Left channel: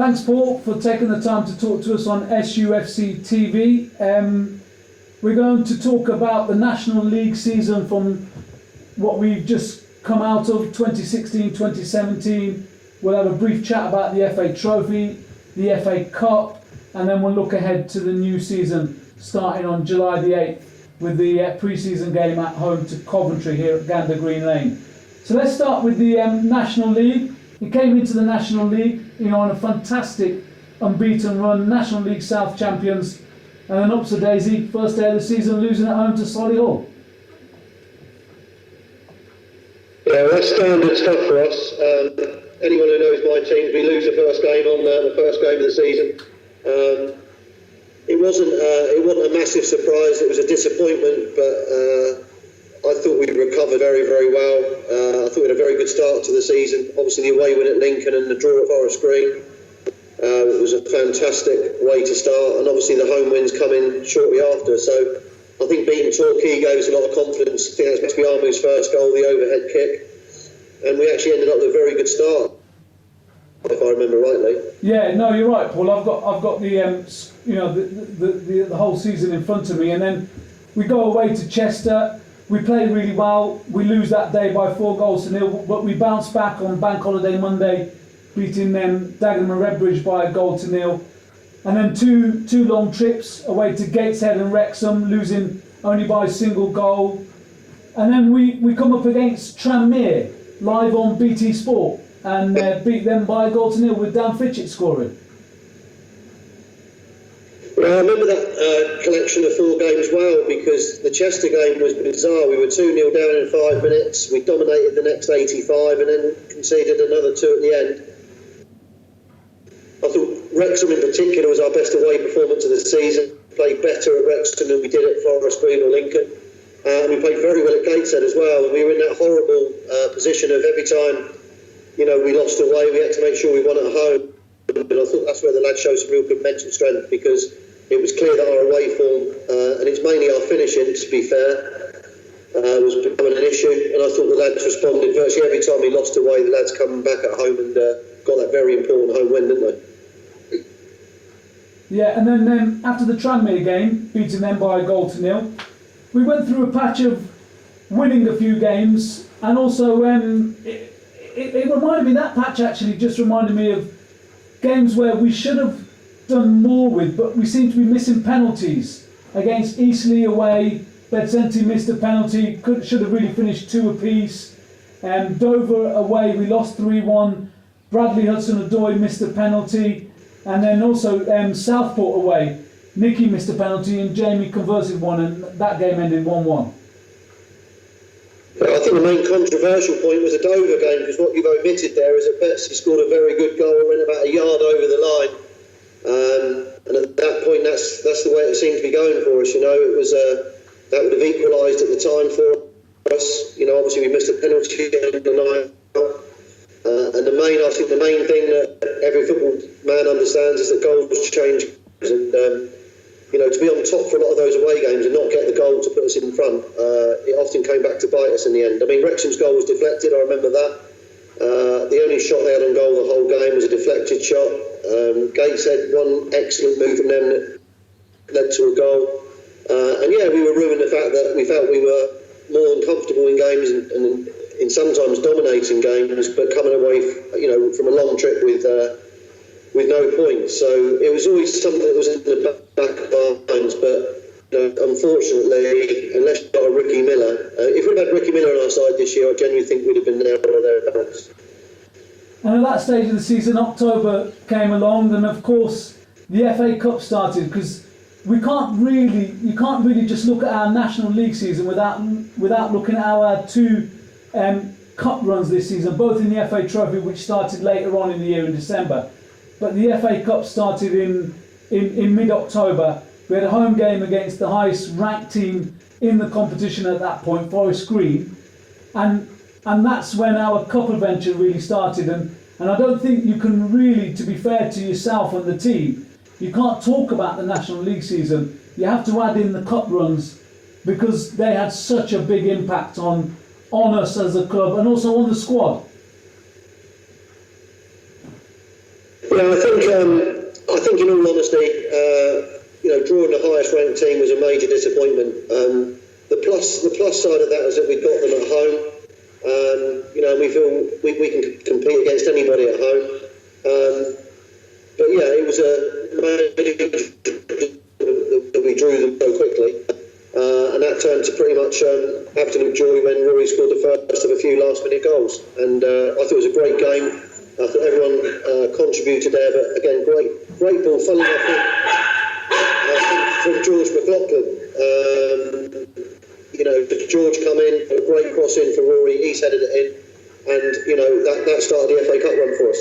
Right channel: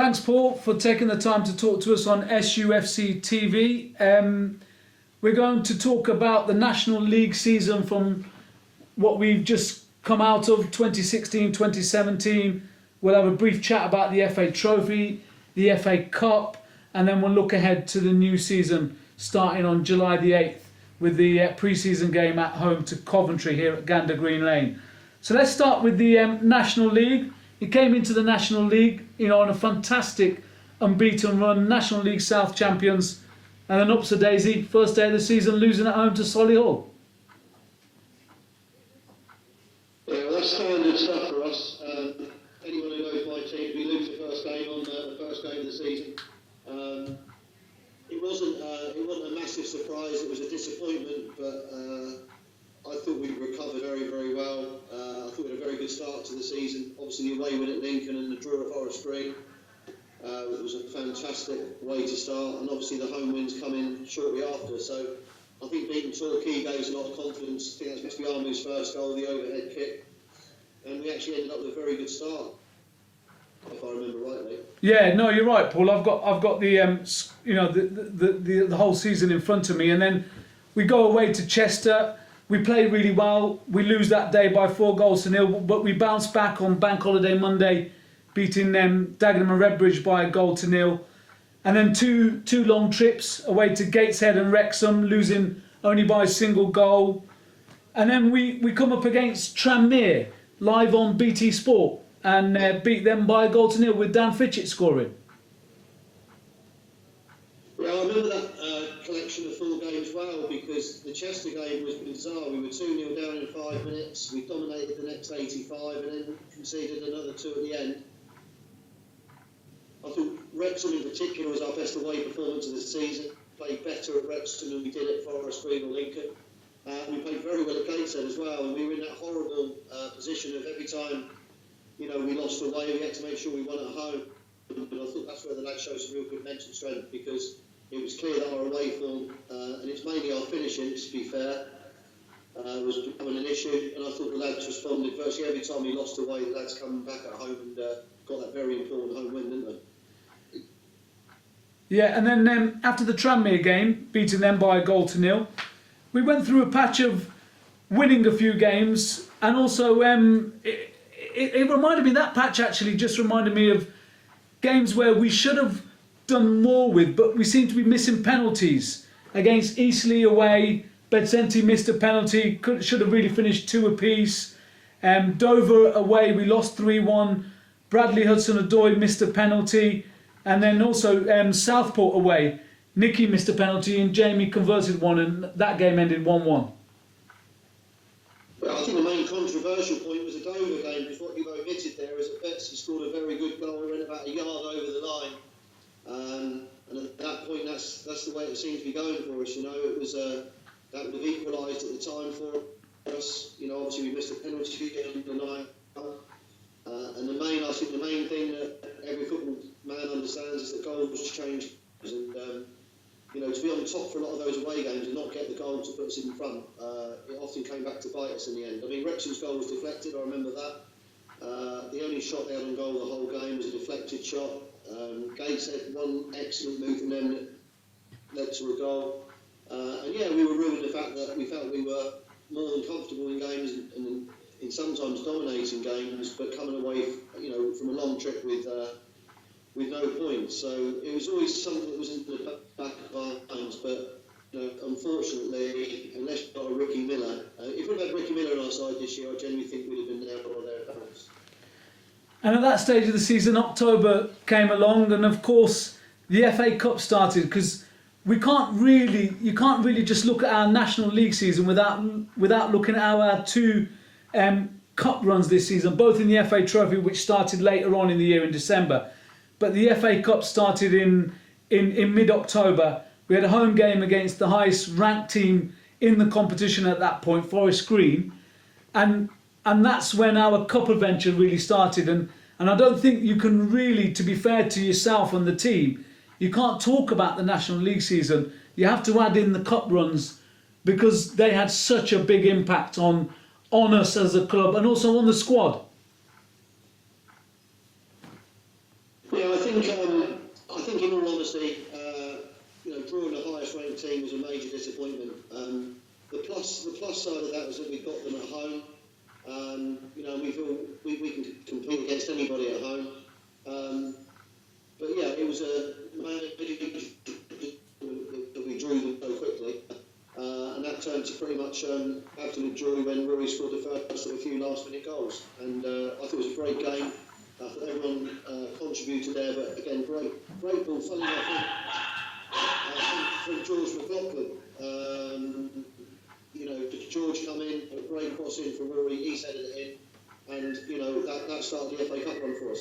Thanks, Paul, for taking the time to talk to us on SUFCtv. We're going to talk about the National League season from what we've just come out of, 2016-2017. We'll have a brief chat about the FA Trophy, the FA Cup, and then we'll look ahead to the new season starting on July the 8th with the pre-season game at home to Coventry here at Gander Green Lane. So let's start with the National League. It came into the National League, on a fantastic unbeaten run, National League South champions, and then ups a daisy, first day of the season, losing at home to Solihull. Yeah, that's standard stuff for us. Anyone who knows my team, we lose the first game on the first game of the season. It wasn't a massive surprise. It was a disappointment, but I thought we recovered very, very well. I thought we had a very good start to the season. Obviously, the away win at Lincoln and the draw at Forest Green. It was a fantastic way to start, and obviously the home wins coming shortly after. So I think beating Torquay gave us a lot of confidence. I think that's meant to be Armu's first goal, the overhead kick, and we actually ended up with a very good start, if I remember rightly. Yeah, no, you're right, Paul. I've got the the whole season in front of me, and then we go away to Chester. We play really well. We lose that day by 4-0, but we bounce back on Bank Holiday Monday, beating Dagenham and Redbridge by 1-0. And then two long trips away to Gateshead and Wrexham, losing only by a single goal. And then we come up against Tranmere live on BT Sport and beat them by 1-0 with Dan Fitchett scoring. Well, I remember that collection of 4 games well, because the Chester game was bizarre. We were 2-0 down in 5 minutes. We dominated the next 85 and then conceded another 2 at the end. I thought Wrexham in particular was our best away performance of the season. Played better at Wrexham than we did at Forest Green or Lincoln. And we played very well at Gateshead as well. And we were in that horrible position of every time, we lost away, we had to make sure we won at home. And I thought that's where the lads showed some real good mental strength, because it was clear that our away form, and it's mainly our finishing, to be fair, was becoming an issue. And I thought the lads responded virtually every time we lost away. The lads come back at home and got that very important home win, didn't they? Yeah, and then after the Tranmere game, beating them by 1-0, we went through a patch of winning a few games, and also it reminded me, that patch actually just reminded me of games where we should have done more with, but we seem to be missing penalties. Against Eastleigh away, Bedsenti missed a penalty, should have really finished 2 apiece. Dover away, we lost 3-1. Bradley Hudson-Odoi missed a penalty, and then also Southport away, Nicky missed a penalty and Jamie converted one, and that game ended 1-1. I think the main controversial point was the Dover game, because what you've omitted there is that Betsy scored a very good goal and went about a yard over the line. And at that point, that's the way it seemed to be going for us. It was that would have equalised at the time for us. Obviously we missed a penalty in the night. And I think the main thing that every football man understands is that goals change. And to be on top for a lot of those away games and not get the goal to put us in front, it often came back to bite us in the end. I mean, Wrexham's goal was deflected. I remember that. The only shot they had on goal the whole game was a deflected shot. Gateshead, one excellent move from them that led to a goal. We were ruined the fact that we felt we were more uncomfortable in games and in sometimes dominating games, but coming away, from a long trip with no points. So it was always something that was in the back of our minds. But unfortunately, unless you got a Ricky Miller, if we'd had Ricky Miller on our side this year, I genuinely think we'd have been there or thereabouts. And at that stage of the season, October came along, and of course the FA Cup started, because you can't really just look at our National League season without looking at our 2 cup runs this season, both in the FA Trophy, which started later on in the year in December, but the FA Cup started in mid-October. We had a home game against the highest ranked team in the competition at that point, Forest Green, and that's when our cup adventure really started. And I don't think you can really, to be fair to yourself and the team, you can't talk about the National League season. You have to add in the cup runs, because they had such a big impact on us as a club and also on the squad. Yeah, Yeah, I think in all honesty, drawing the highest ranked team was a major disappointment. The plus side of that is that we got them at home. We feel we can compete against anybody at home. But yeah, it was a major that we drew them so quickly. And that turned to pretty much absolute joy when Rory scored the first of a few last-minute goals. And I thought it was a great game. I thought everyone contributed there, but again, great ball, funny enough, from George McLaughlin. George come in, a great cross in for Rory, he's headed it in, and that started the FA Cup run for us.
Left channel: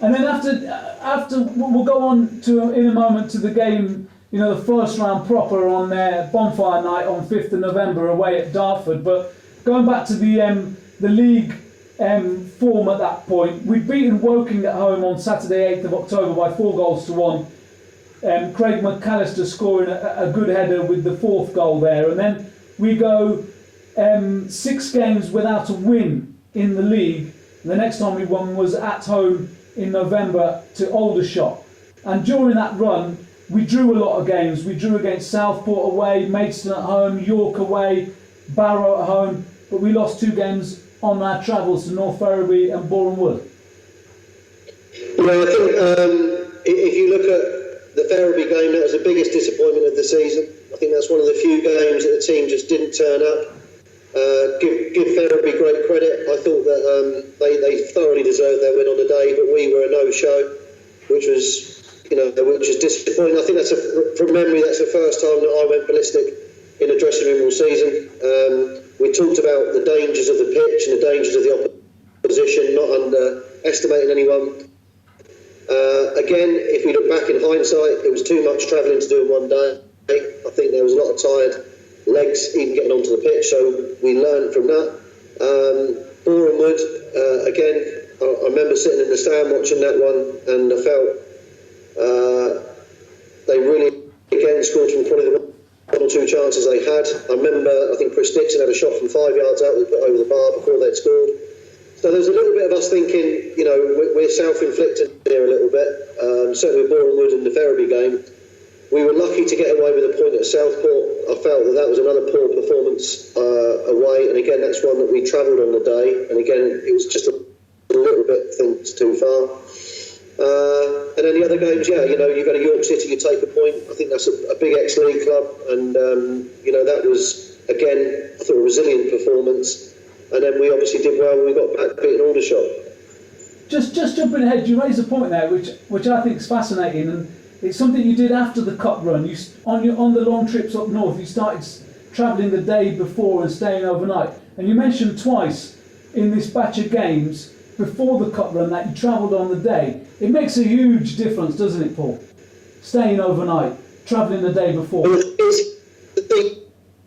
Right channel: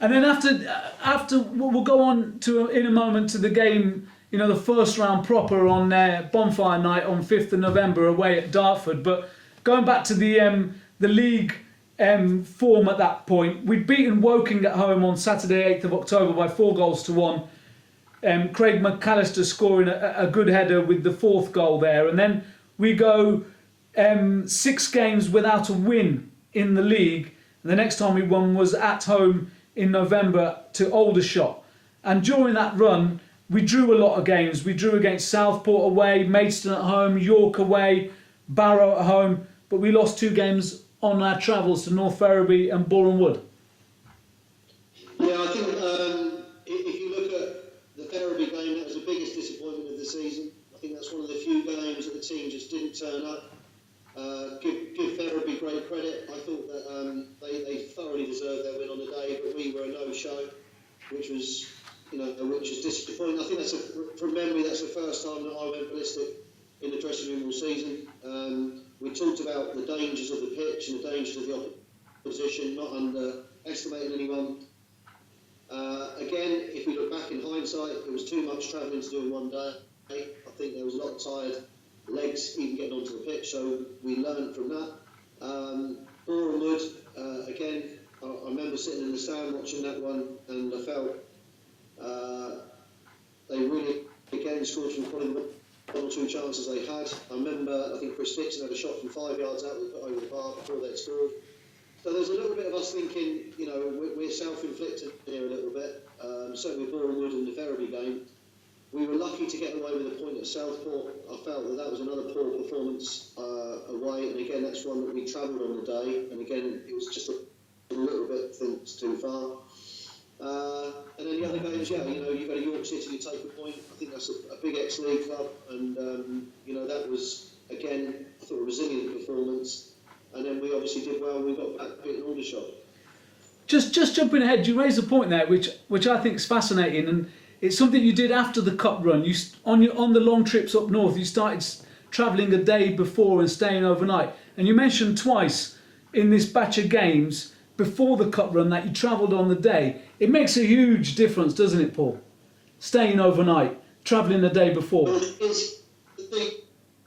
And then after we'll go on to in a moment to the game, the first round proper on Bonfire Night on 5th of November away at Dartford. But going back to the league form at that point, we'd beaten Woking at home on Saturday 8th of October by 4-1. Craig McAllister scoring a good header with the 4th goal there, and then we go 6 games without a win in the league. And the next time we won was at home in November to Aldershot, and during that run we drew a lot of games. We drew against Southport away, Maidstone at home, York away, Barrow at home, but we lost 2 games on our travels to North Ferriby and Boreham Wood. Well, I think if you look at the Ferriby game, that was the biggest disappointment of the season. I think that's one of the few games that the team just didn't turn up. Give Ferriby great credit. I thought that they thoroughly deserved their win on the day, but we were a no-show, which was disappointing. I think from memory, that's the first time that I went ballistic in a dressing room all season. We talked about the dangers of the pitch and the dangers of the opposition, not underestimating anyone. Again, if we look back in hindsight, it was too much travelling to do in one day. I think there was a lot of tired legs even getting onto the pitch, so we learned from that. Boreham Wood, again, I remember sitting in the stand watching that one, and I felt they really, again, scored from probably the 1 or 2 chances they had. I remember, I think Chris Dixon had a shot from 5 yards out, we put over the bar before they'd scored. So there's a little bit of us thinking, we're self-inflicted here a little bit. Certainly with Boreham Wood and the Ferriby game, we were lucky to get away with a point at Southport. I felt that was another poor performance away, and again, that's one that we travelled on the day, and again, it was just a little bit too far. And then the other games, you go to York City, you take a point. I think that's a big ex-league club, and that was, again, I thought a resilient performance. And then we obviously did well when we got back beating Aldershot. Just jumping ahead, you raised a point there, which I think is fascinating, and it's something you did after the cup run. You on the long trips up north, you started travelling a day before and staying overnight. And you mentioned twice in this batch of games before the cup run that you travelled on the day. It makes a huge difference, doesn't it, Paul? Staying overnight, travelling the day before. Well,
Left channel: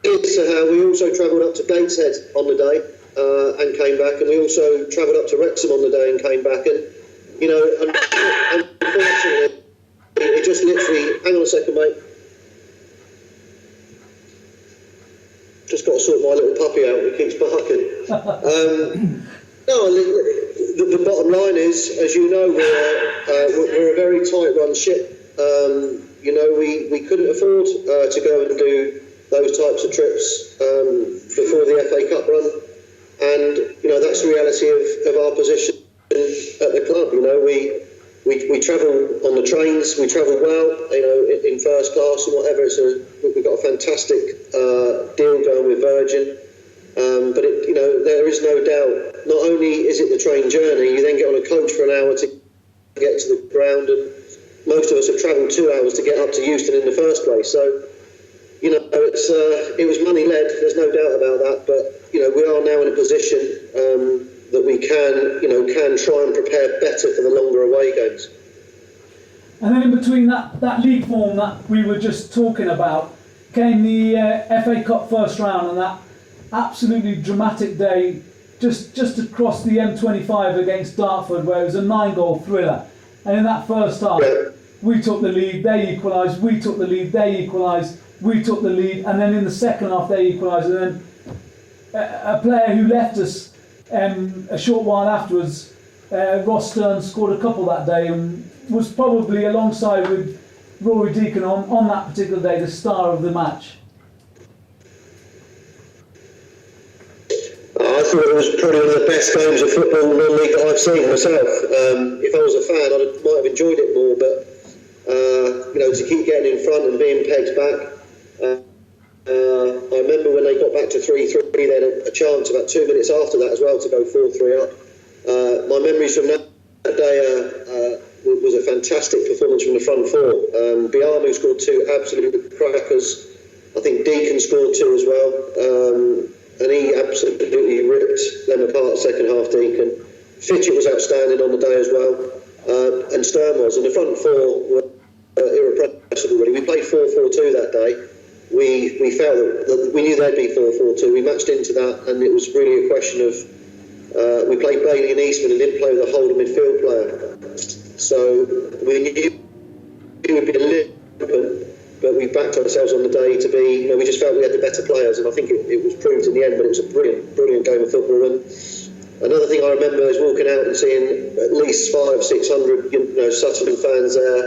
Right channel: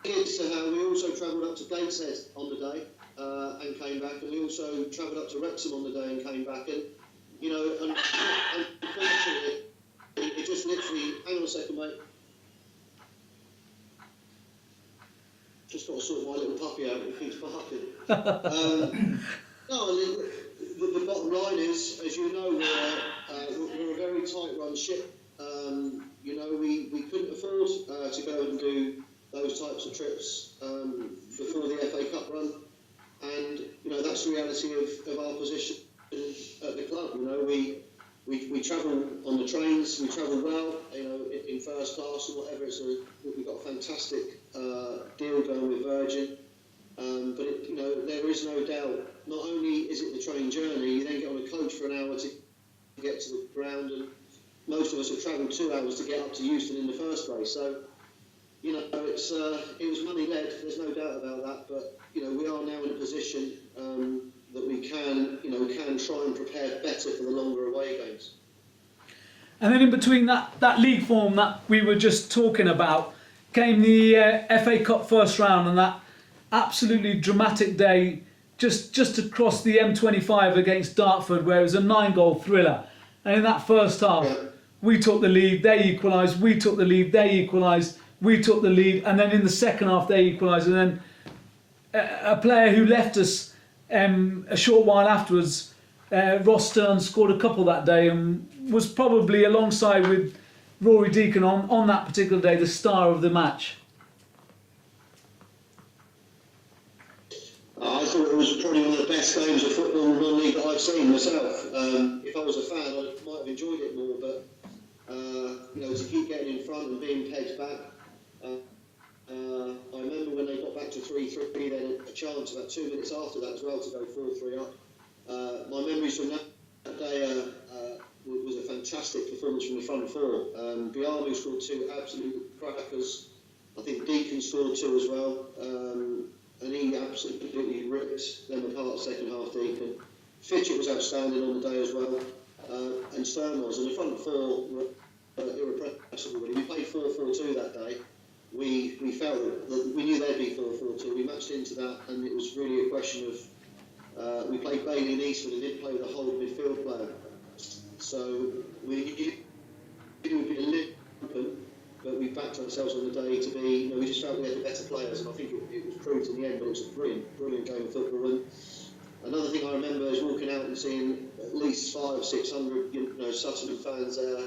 we also travelled up to Gateshead on the day. And came back, and we also travelled up to Wrexham on the day and came back, and unfortunately it just literally, hang on a second mate, just got to sort my little puppy out, he keeps barking. The bottom line is, as you know, we're a very tight run ship. We couldn't afford to go and do those types of trips before the FA Cup run. And that's the reality of our position at the club. We travel on the trains, we travel well, in first class and whatever. We've got a fantastic deal going with Virgin, but there is no doubt. Not only is it the train journey, you then get on a coach for an hour to get to the ground, and most of us have travelled 2 hours to get up to Euston in the first place. So it was money led. There's no doubt about that, but. We are now in a position that we can try and prepare better for the longer away games. And then in between that league form that we were just talking about came the FA Cup first round, and that absolutely dramatic day just across the M25 against Dartford, where it was a 9-goal thriller. And in that first half, we took the lead, they equalised, we took the lead, they equalised, we took the lead, and then in the second half they equalised, and then a player who left us a short while afterwards Ross Stern scored a couple that day and was probably, alongside with Rory Deacon on that particular day, the star of the match. I thought it was probably one of the best games of football non-league that I've seen myself. If I was a fan, I might have enjoyed it more, but to keep getting in front and being pegged back. I remember when they got back to 3-3, they had a chance about 2 minutes after that as well to go 4-3 up. My memories from that day was a fantastic performance from the front four. Biamu scored 2 absolute crackers. I think Deacon scored 2 as well. And he absolutely ripped them apart second half, Deacon. Fitchett was outstanding on the day as well. And Stern was. And the front four were irrepressible, really. We played 4-4-2 that day. We felt that we knew they'd be 4-4-2. We matched into that, and it was really a question of we played Bailey and Eastman and didn't play with a holding midfield player. So we knew it would be a little bit, but we backed ourselves on the day to be, we just felt we had the better players, and I think it was proved in the end, but it was a brilliant game of football. And another thing I remember is walking out and seeing at least 500-600 Sutton fans there,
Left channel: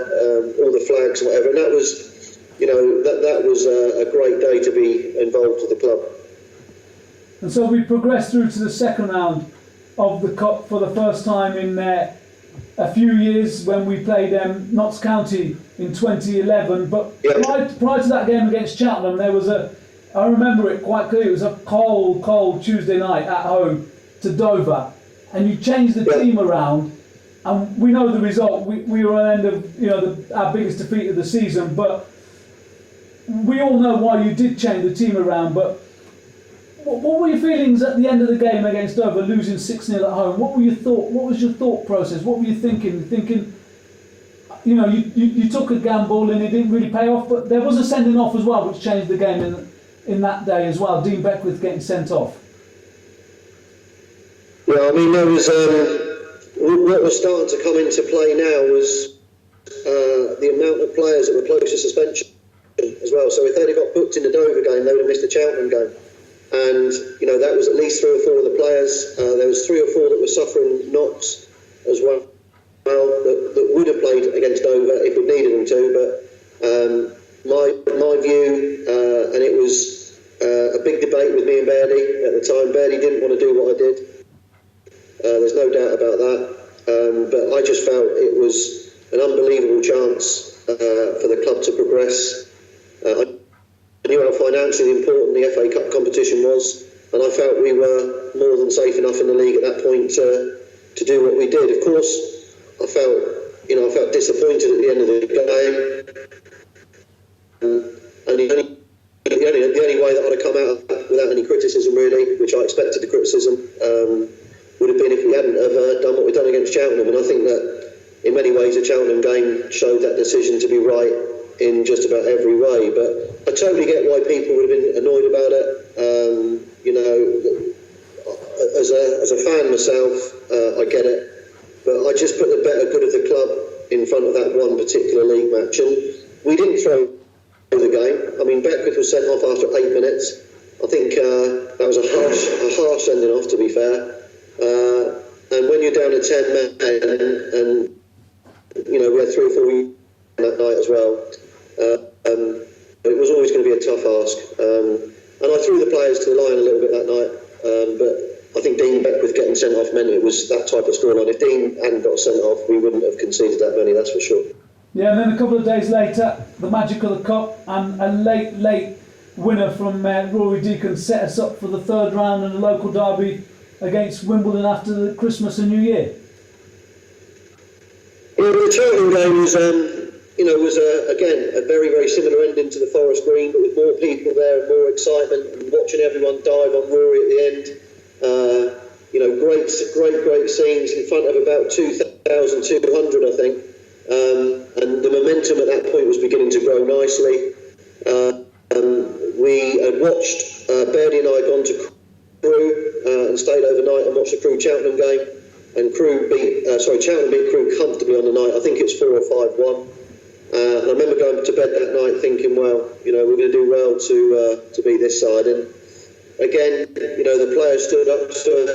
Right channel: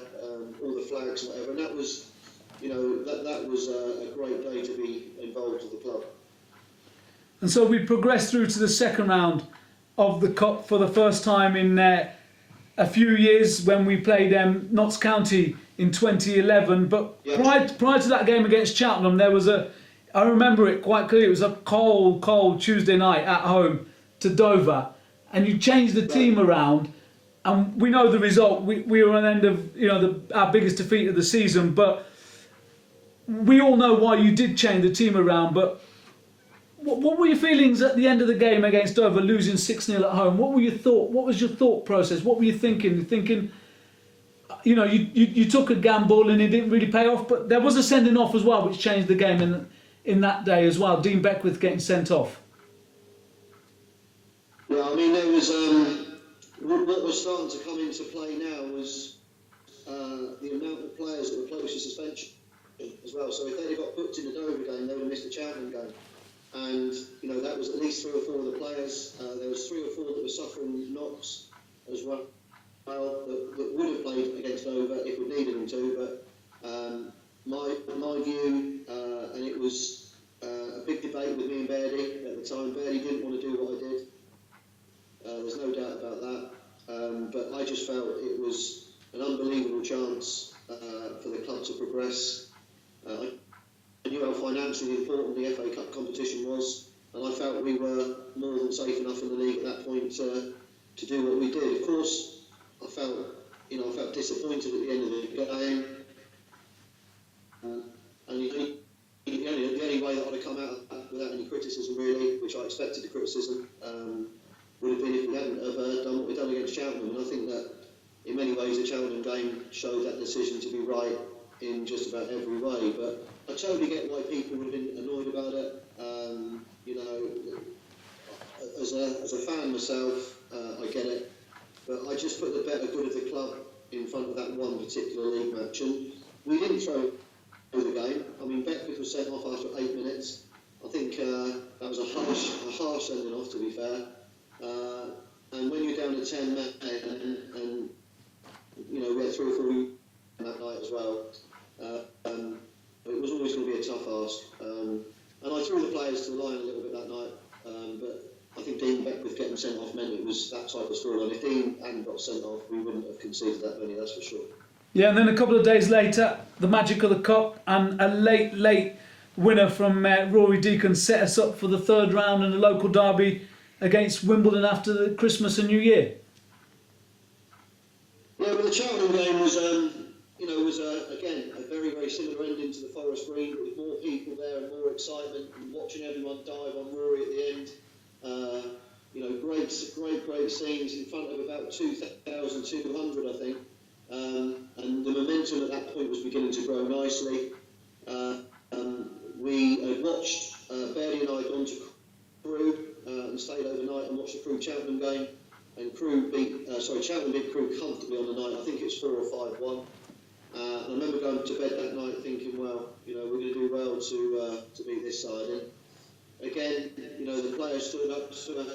all the flags and whatever, and that was that was a great day to be involved with the club. And so we progressed through to the second round of the Cup for the first time in a few years, when we played Notts County in 2011. But prior to that game against Cheltenham, there was I remember it quite clearly, it was a cold Tuesday night at home to Dover, and you changed the team around, and we know the result. We were on the end of our biggest defeat of the season, but we all know why you did change the team around. But what were your feelings at the end of the game against Dover, losing 6-0 at home? What was your thought process? What were you thinking? You took a gamble and it didn't really pay off, but there was a sending off as well, which changed the game in that day as well. Dean Beckwith getting sent off. Yeah, I mean, there was what was starting to come into play now was the amount of players that were close to suspension as well. So if they'd have got booked in the Dover game, they would have missed the Cheltenham game. And, that was at least 3 or 4 of the players. There was 3 or 4 that were suffering knocks as well, that would have played against Dover if we needed them to. But my view, and it was a big debate with me and Bairdy at the time. Bairdy didn't want to do what I did. There's no doubt about that. But I just felt it was an unbelievable chance for the club to progress. I knew how financially important the FA Cup competition was, and I felt we were more than safe enough in the league at that point to do what we did. Of course, I felt disappointed at the end of the game, and the only way that I'd have come out without any criticism, really, which I expected the criticism, would have been if we hadn't have done what we've done against Cheltenham. And I think that in many ways the Cheltenham game showed that decision to be right in just about every way. But I totally get why people would have been annoyed about it. As a fan myself, I get it. But I just put the better good of the club in front of that one particular league match. And we didn't throw the game. I mean, Beckwith was sent off after 8 minutes. I think that was a harsh sending off, to be fair. And when you're down to 10 men, and we had 3 or 4 that night as well, it was always going to be a tough ask. And I threw the players to the line a little bit that night, but I think Dean Beckwith getting sent off meant it was that type of scoreline. If Dean hadn't got sent off, we wouldn't have conceded that many, that's for sure. Yeah, and then a couple of days later, the magic of the Cup, and a late winner from Rory Deacon set us up for the third round in the local derby against Wimbledon after the Christmas and New Year. Yeah, the Cheltenham game was, again a very, very similar ending to the Forest Green, but with more people there and more excitement, and watching everyone dive on Rory at the end. Great scenes in front of about 2,200, I think. And the momentum at that point was beginning to grow nicely. We had watched, Bairdy and I had gone to Crewe and stayed overnight and watched the Crewe Cheltenham game. And Cheltenham beat Crewe comfortably on the night. I think it's 4 or 5-1. And I remember going to bed that night thinking, well, we're going to do well to beat this side. And again, the players stood up to it.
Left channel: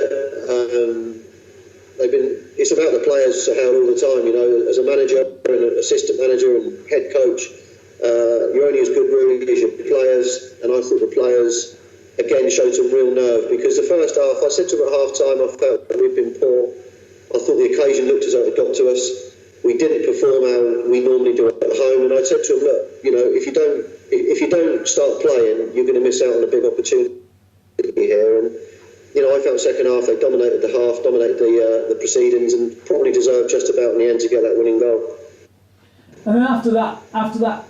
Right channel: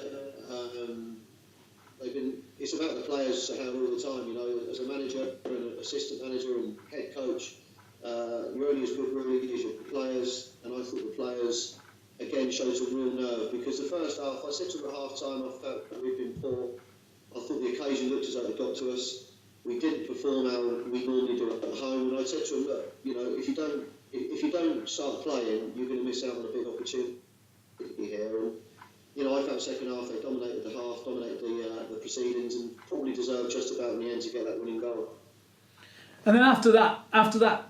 It's about the players, Sohail, all the time. You know, as a manager and an assistant manager and head coach, you're only as good really as your players. And I thought the players again showed some real nerve, because the first half, I said to them at half time, I felt that we'd been poor. I thought the occasion looked as though it got to us. We didn't perform how we normally do at home, and I said to them, look, you know, if you don't start playing, you're going to miss out on a big opportunity here. And you know, I felt second half they dominated the half, dominated the proceedings, and probably deserved just about in the end to get that winning goal. And then after that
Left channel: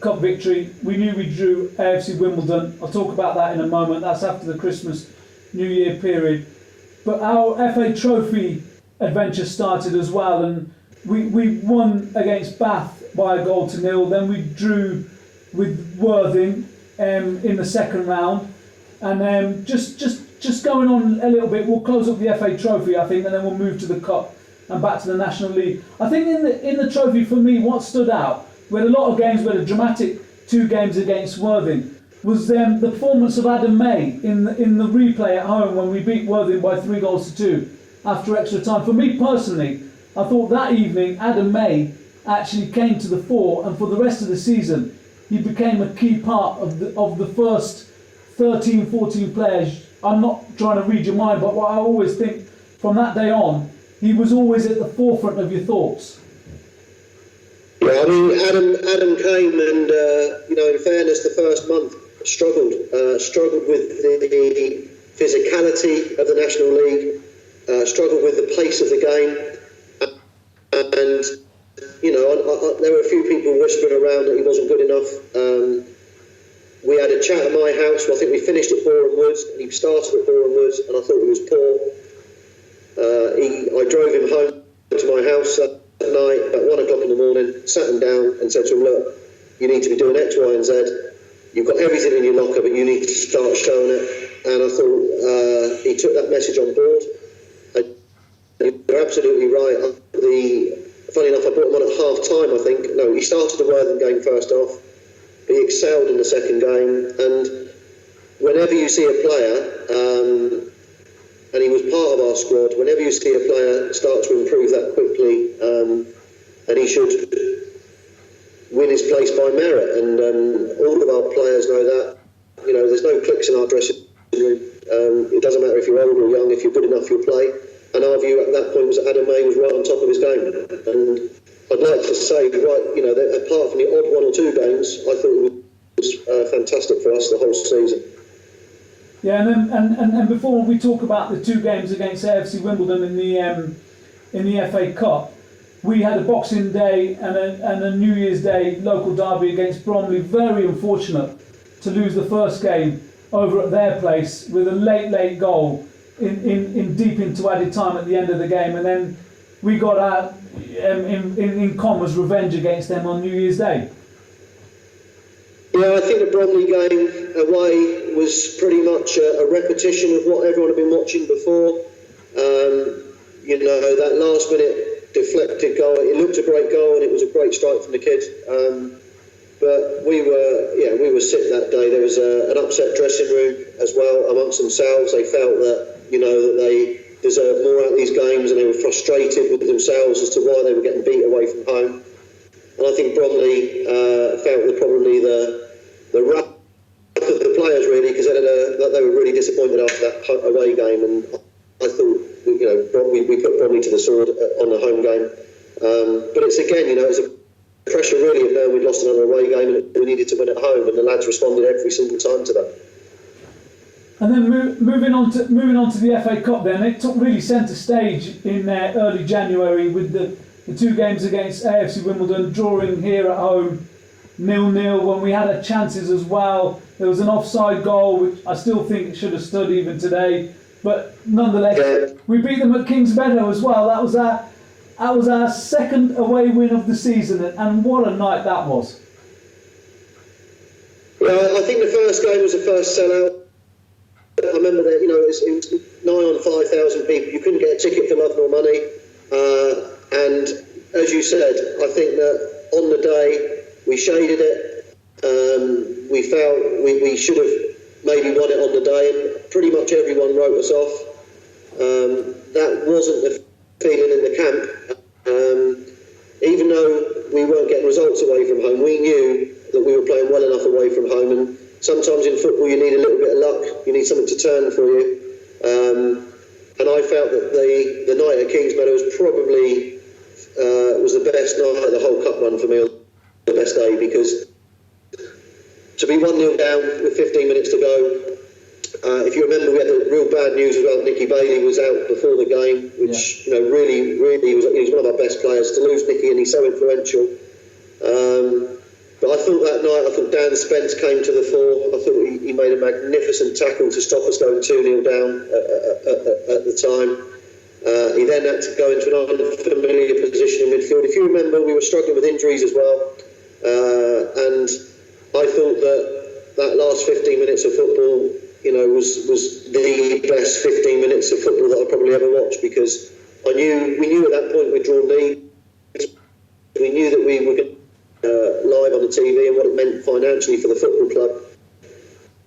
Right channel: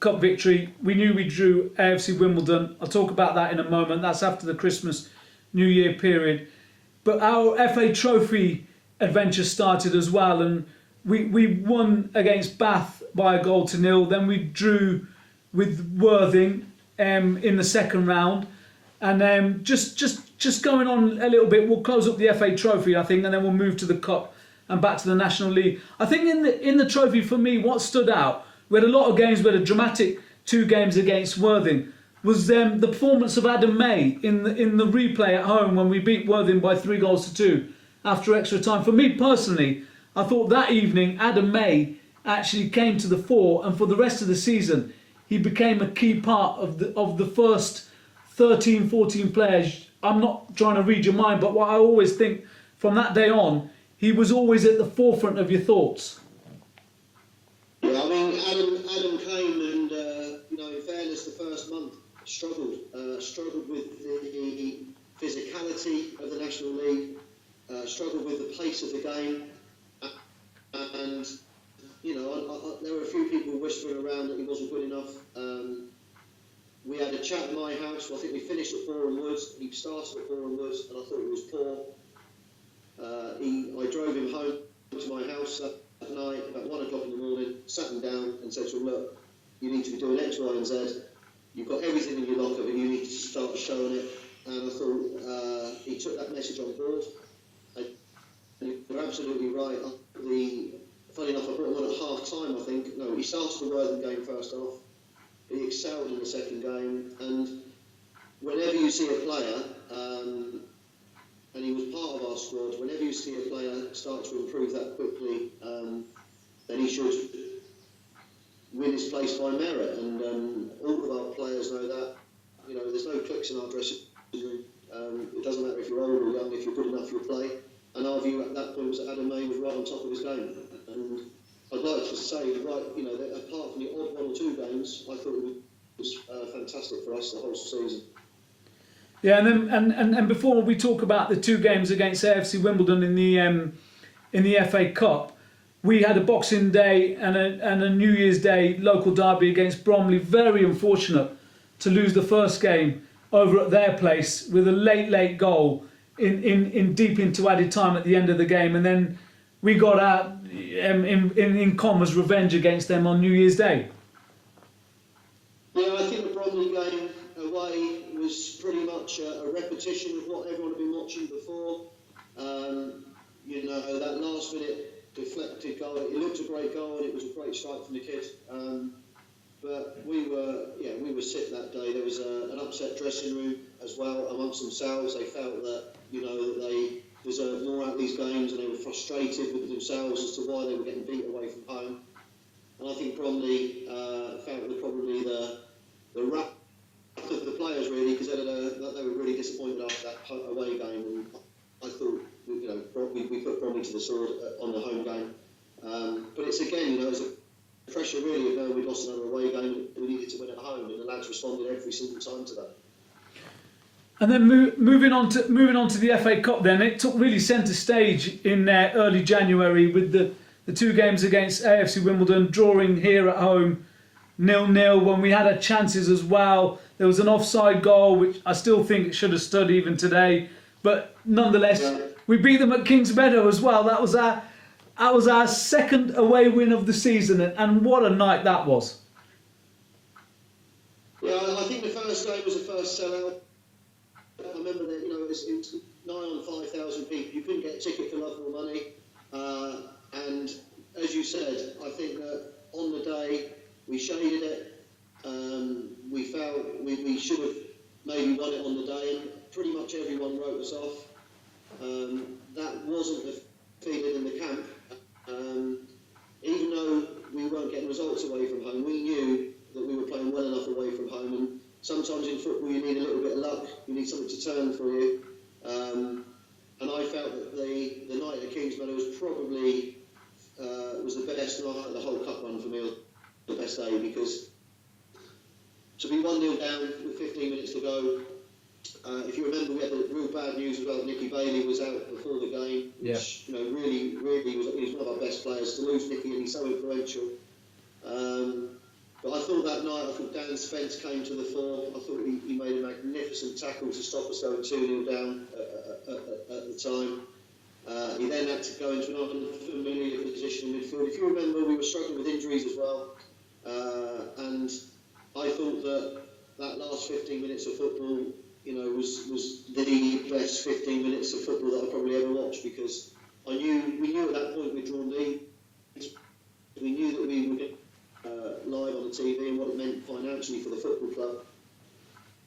cup victory, we knew we drew AFC Wimbledon. I'll talk about that in a moment. That's after the Christmas New Year period. But our FA Trophy adventure started as well, and we won against Bath by a 1-0. Then we drew with Worthing in the second round, and just going on a little bit, we'll close up the FA Trophy, I think, and then we'll move to the Cup and back to the National League. I think in the Trophy, for me, what stood out, we had a lot of games. We had a dramatic 2 games against Worthing. Was the performance of Adam May in the replay at home when we beat Worthing by 3-2 after extra time. For me personally, I thought that evening Adam May actually came to the fore, and for the rest of the season he became a key part of the first 13, 14 players. I'm not trying to read your mind, but what I always think from that day on, he was always at the forefront of your thoughts. Yeah, I mean, Adam came and, you know, in fairness, the first month struggled with the physicality of the National League, struggled with the pace of the game, and, you know, there were a few people whispering around that he wasn't good enough. We had a chat at my house. I think we finished at Boreham Woods, and he started at Boreham Woods, and I thought he was poor. I drove him home to my house that night, about 1 o'clock in the morning, sat him down and said to him, look, you need to be doing X, Y and Z. You've got everything in your locker, but you need to start showing it. And I thought he took that message on board. And you're absolutely right. Funny enough, I brought him on at half time, I think. No, he started the Worthing game first off. He excelled in the second game. And whenever you see a player, and he was part of our squad, whenever you see a player start to improve that quickly, and he should win his place by merit. And all of our players know that. You know, there's no cliques in our dressing room. It doesn't matter if you're old or young, if you're good enough, you'll play. And our view at that point was that Adam May was right on top of his game. And I'd like to say, right, you know, that apart from the odd 1 or 2 games, I thought it was fantastic for us the whole season. Yeah, and before we talk about the 2 games against AFC Wimbledon in the FA Cup, we had a Boxing Day and a New Year's Day local derby against Bromley. Very unfortunate to lose the first game over at their place with a late goal in deep into added time at the end of the game, and then we got our in commas revenge against them on New Year's Day. Yeah, I think the Bromley game away was pretty much a repetition of what everyone had been watching before. You know, that last minute deflected goal, it looked a great goal and it was a great strike from the kid. But we were sick that day. There was an upset dressing room as well amongst themselves. They felt that, you know, that they deserved more out of these games, and they were frustrated with themselves as to why they were getting beat away from home. And I think Bromley felt that probably the wrath of the players, really, because they were really disappointed after that away game. And I thought, you know, we put Bromley to the sword on the home game. But it's again, you know, it's a pressure really of knowing we'd lost another away game and we needed to win at home, and the lads responded every single time to that. And then moving on to the FA Cup, then it took really centre stage in early January with the 2 games against AFC Wimbledon, drawing here at home 0-0 when we had our chances as well. There was an offside goal which I still think should have stood even today, but nonetheless we beat them at Kings Meadow as well. That was our second away win of the season, and what a night that was. Yeah, I think the first game was the first sellout. I remember that, you know, it was nigh on 5,000 people. You couldn't get a ticket for love nor money. And as you said, I think that on the day we shaded it. We felt we should have maybe won it on the day. Pretty much everyone wrote us off. that wasn't the feeling in the camp. Even though we weren't getting results away from home, we knew that we were playing well enough away from home, and sometimes in football you need a little bit of luck, you need something to turn for you. And I felt that the night at Kingsmeadow was probably was the best night of the whole cup run for me, the best day, because to be 1-0 down with 15 minutes to go, if you remember, we had the real bad news about Nicky Bailey was out before the game, which really was, he's one of our best players. To lose Nicky, and he's so influential. But I thought that night, Dan Spence came to the fore. I thought he made a magnificent tackle to stop us going 2-0 down at the time. He then had to go into an unfamiliar position in midfield. If you remember, we were struggling with injuries as well, and I thought that last 15 minutes of football, was the best 15 minutes of football that I probably ever watched, because we knew at that point we'd drawn leads. We knew that we were going live on the TV and what it meant financially for the football club.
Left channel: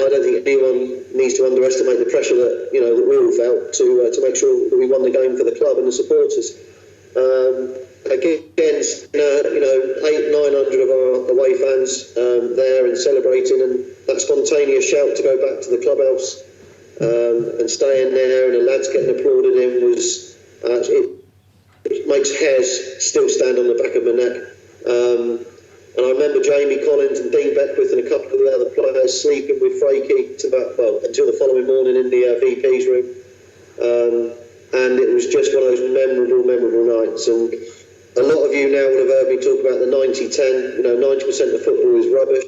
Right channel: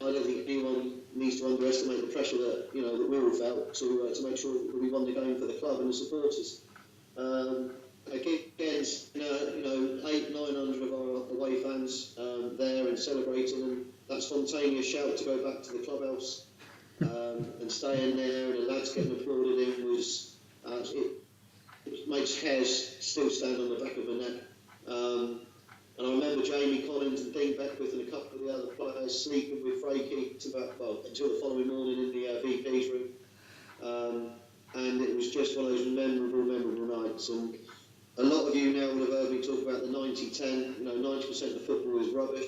I don't think anyone needs to underestimate the pressure that that we all felt to make sure that we won the game for the club and the supporters. Against 800-900 of our away fans there and celebrating, and that spontaneous shout to go back to the clubhouse and staying there, and the lads getting applauded in was it makes hairs still stand on the back of my neck. And I remember Jamie Collins and Dean Beckwith and a couple of the other players sleeping with Frakey until the following morning in the VP's room. And it was just one of those memorable nights. And a lot of you now will have heard me talk about the 90-10. 90% of football is rubbish.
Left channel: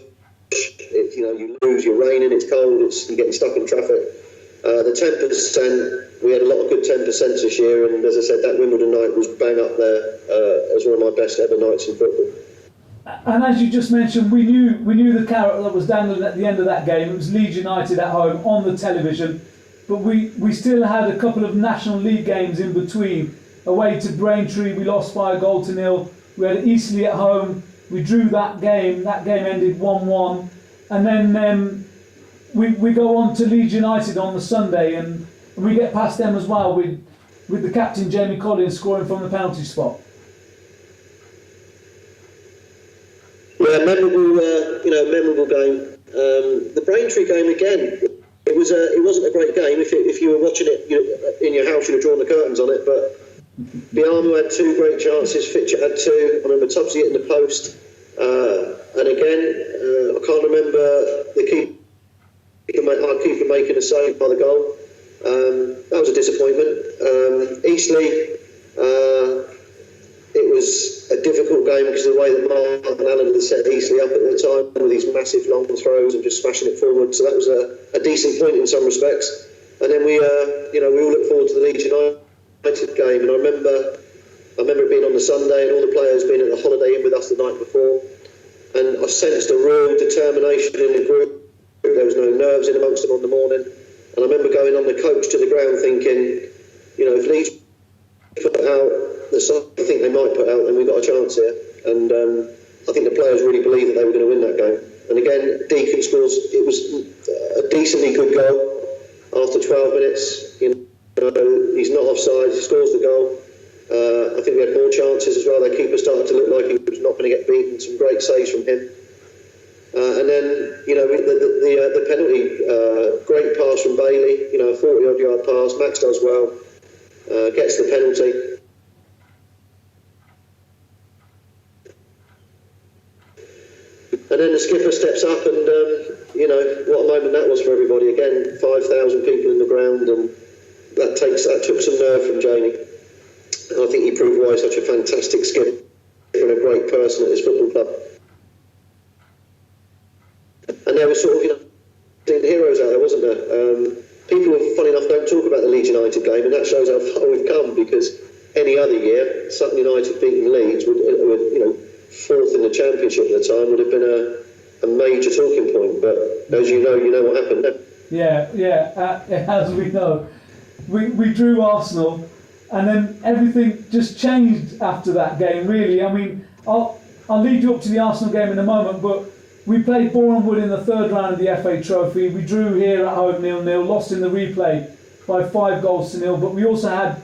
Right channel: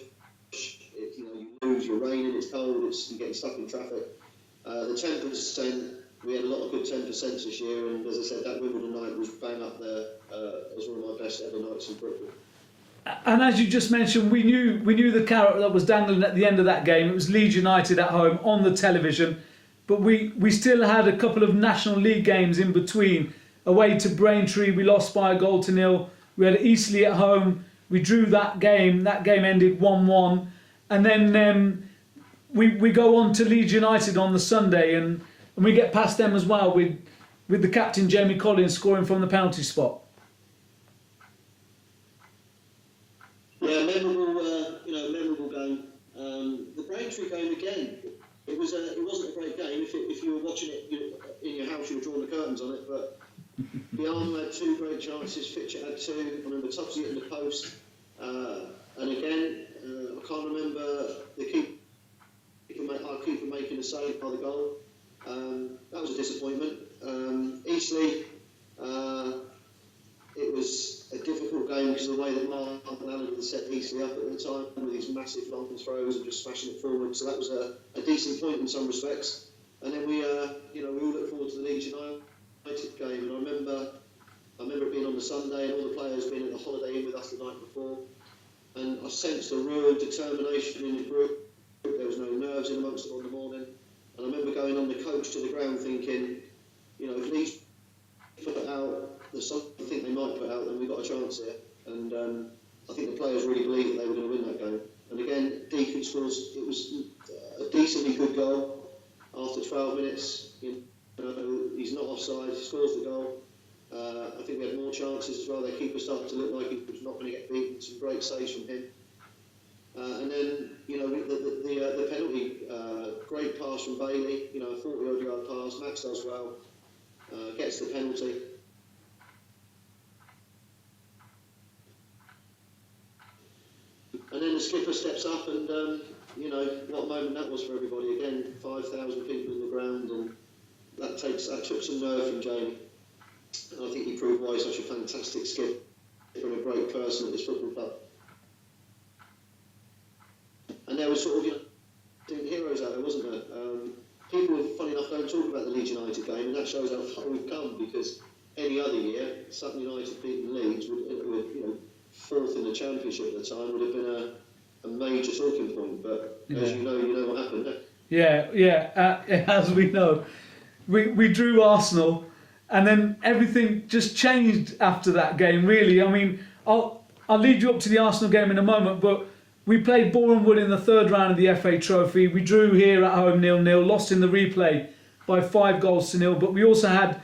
You lose, you're raining, it's cold, you're getting stuck in traffic. The 10%, we had a lot of good 10% this year, and as I said, that Wimbledon night was bang up there as one of my best ever nights in football. And as you just mentioned, we knew the carrot that was dangling at the end of that game. It was Leeds United at home on the television, but we still had a couple of National League games in between. Away to Braintree, we lost by 1-0. We had Eastleigh at home. We drew that game. That game ended 1-1, and then we go on to Leeds United on the Sunday, and we get past them as well with the captain Jamie Collins scoring from the penalty spot. Yeah, memorable game. The Braintree game again. It wasn't a great game. If you were watching it in your house, you'd have drawn the curtains on it. But Biamu had 2 great chances. Fitcher had 2. I remember Tubbsy hitting the post. And again, I can't remember our keeper making a save by the goal. That was a disappointment. Eastleigh. It was a difficult game because of the way that Mark and Alan had set Eastleigh up at the time with these massive long throws and just smashing it forward. So that was a decent point in some respects. And then we all look forward to the Leeds United game. And I remember it being on the Sunday and all the players being at the Holiday Inn with us the night before. And I sensed a real determination in the group. There was no nerves in amongst them on the morning. And I remember going on the coach to the ground thinking, if Leeds put out the side I think they might put out, then we've got a chance here. And I think the players really believed that they were going to win that game. And again, Deacon scores. It was a decently good goal after 12 minutes. He's not offside. He scores the goal. I think we had more chances as well. Their keeper started to look like he was not going to get beaten. Some great saves from him. And then, the penalty, great pass from Bailey. A 40-odd yard pass. Max does well. Gets the penalty. And then the skipper steps up, and what a moment that was for everybody. Again, 5,000 people in the ground, and that took some nerve from Jamie. And I think he proved why he's such a fantastic skipper and a great person at this football club. And there were sort of heroes out there, wasn't there? People, funny enough, don't talk about the Leeds United game, and that shows how far we've come, because any other year, Sutton United beating Leeds would 4th in the Championship at the time would have been a major talking point. But as you know what happened there. Yeah. As we know, we drew Arsenal, and then everything just changed after that game. Really, I mean, I'll lead you up to the Arsenal game in a moment, but we played Boreham Wood in the 3rd round of the FA Trophy. We drew here at home 0-0, lost in the replay by 5-0. But we also had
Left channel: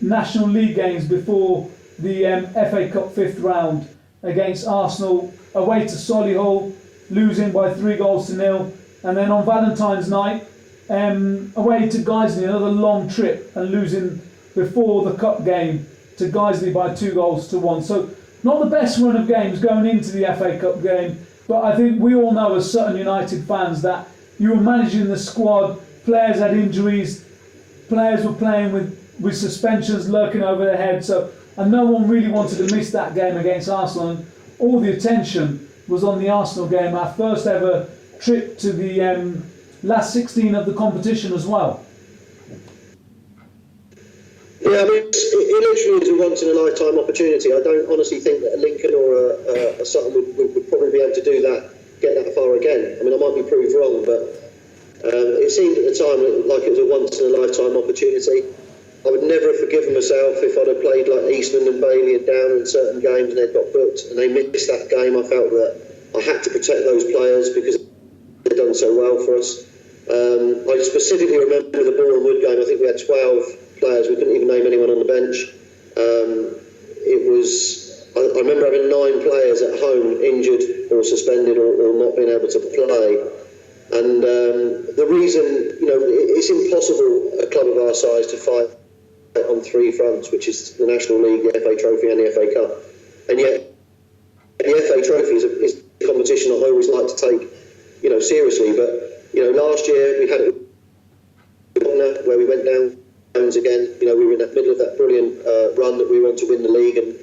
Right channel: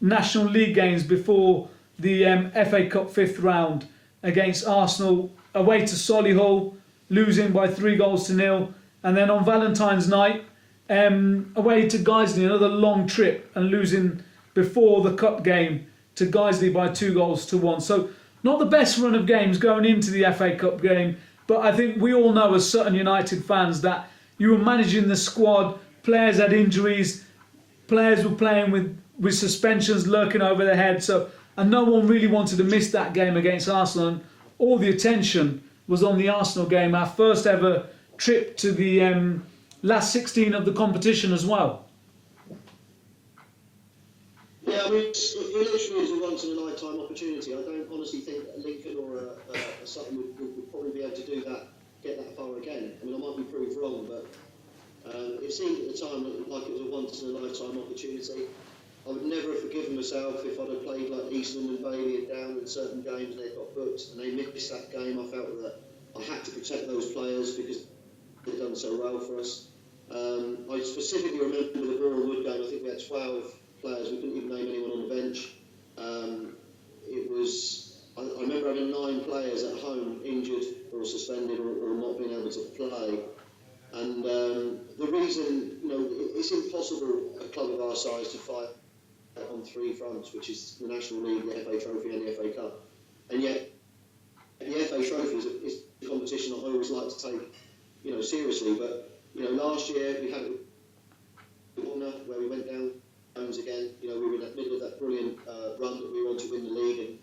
National League games before the FA Cup 5th round against Arsenal, away to Solihull, losing by 3-0, and then on Valentine's night, away to Guiseley, another long trip, and losing before the cup game to Guiseley by 2-1. So not the best run of games going into the FA Cup game, but I think we all know as Sutton United fans that you were managing the squad, players had injuries, players were playing with suspensions lurking over their heads, and no one really wanted to miss that game against Arsenal, and all the attention was on the Arsenal game, our first ever trip to the last 16 of the competition as well. Yeah, I mean, it literally is a once-in-a-lifetime opportunity. I don't honestly think that a Lincoln or a Sutton would probably be able to do that, get that far again. I mean, I might be proved wrong, but it seemed at the time like it was a once-in-a-lifetime opportunity. I would never have forgiven myself if I'd have played like Eastman and Bailey and Down in certain games and they'd got booked and they missed that game. I felt that I had to protect those players because they'd done so well for us. I specifically remember the Boreham Wood game. I think we had 12 players. We couldn't even name anyone on the bench. I remember having 9 players at home injured or suspended or not being able to play. And the reason, it's impossible a club of our size to fight on 3 fronts, which is the National League, the FA Trophy and the FA Cup. And yet the FA Trophy is a competition I always like to take, seriously. But, last year we had it where we went down again. We were in the middle of that brilliant run that we wanted to win the league, and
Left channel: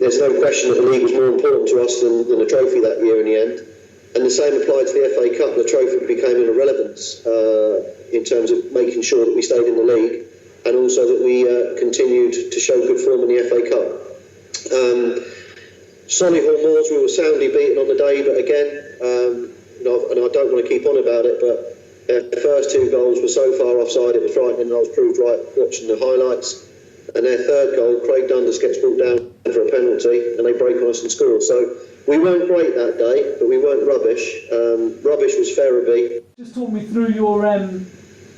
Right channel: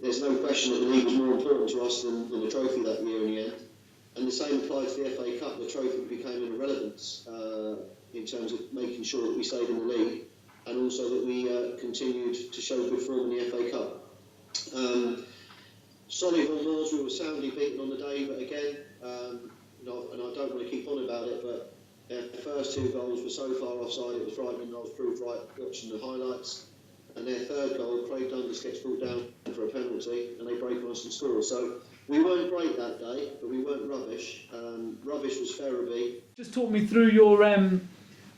there's no question that the league was more important to us than the trophy that year in the end. And the same applied to the FA Cup. The trophy became an irrelevance in terms of making sure that we stayed in the league, and also that we continued to show good form in the FA Cup. Solihull Moors, we were soundly beaten on the day, but again, and I don't want to keep on about it, but their first 2 goals were so far offside it was frightening, and I was proved right watching the highlights. And their 3rd goal, Craig Dundas gets brought down for a penalty, and they break on us and score. So we weren't great that day, but we weren't rubbish. Rubbish was Ferriby. Just talk me through your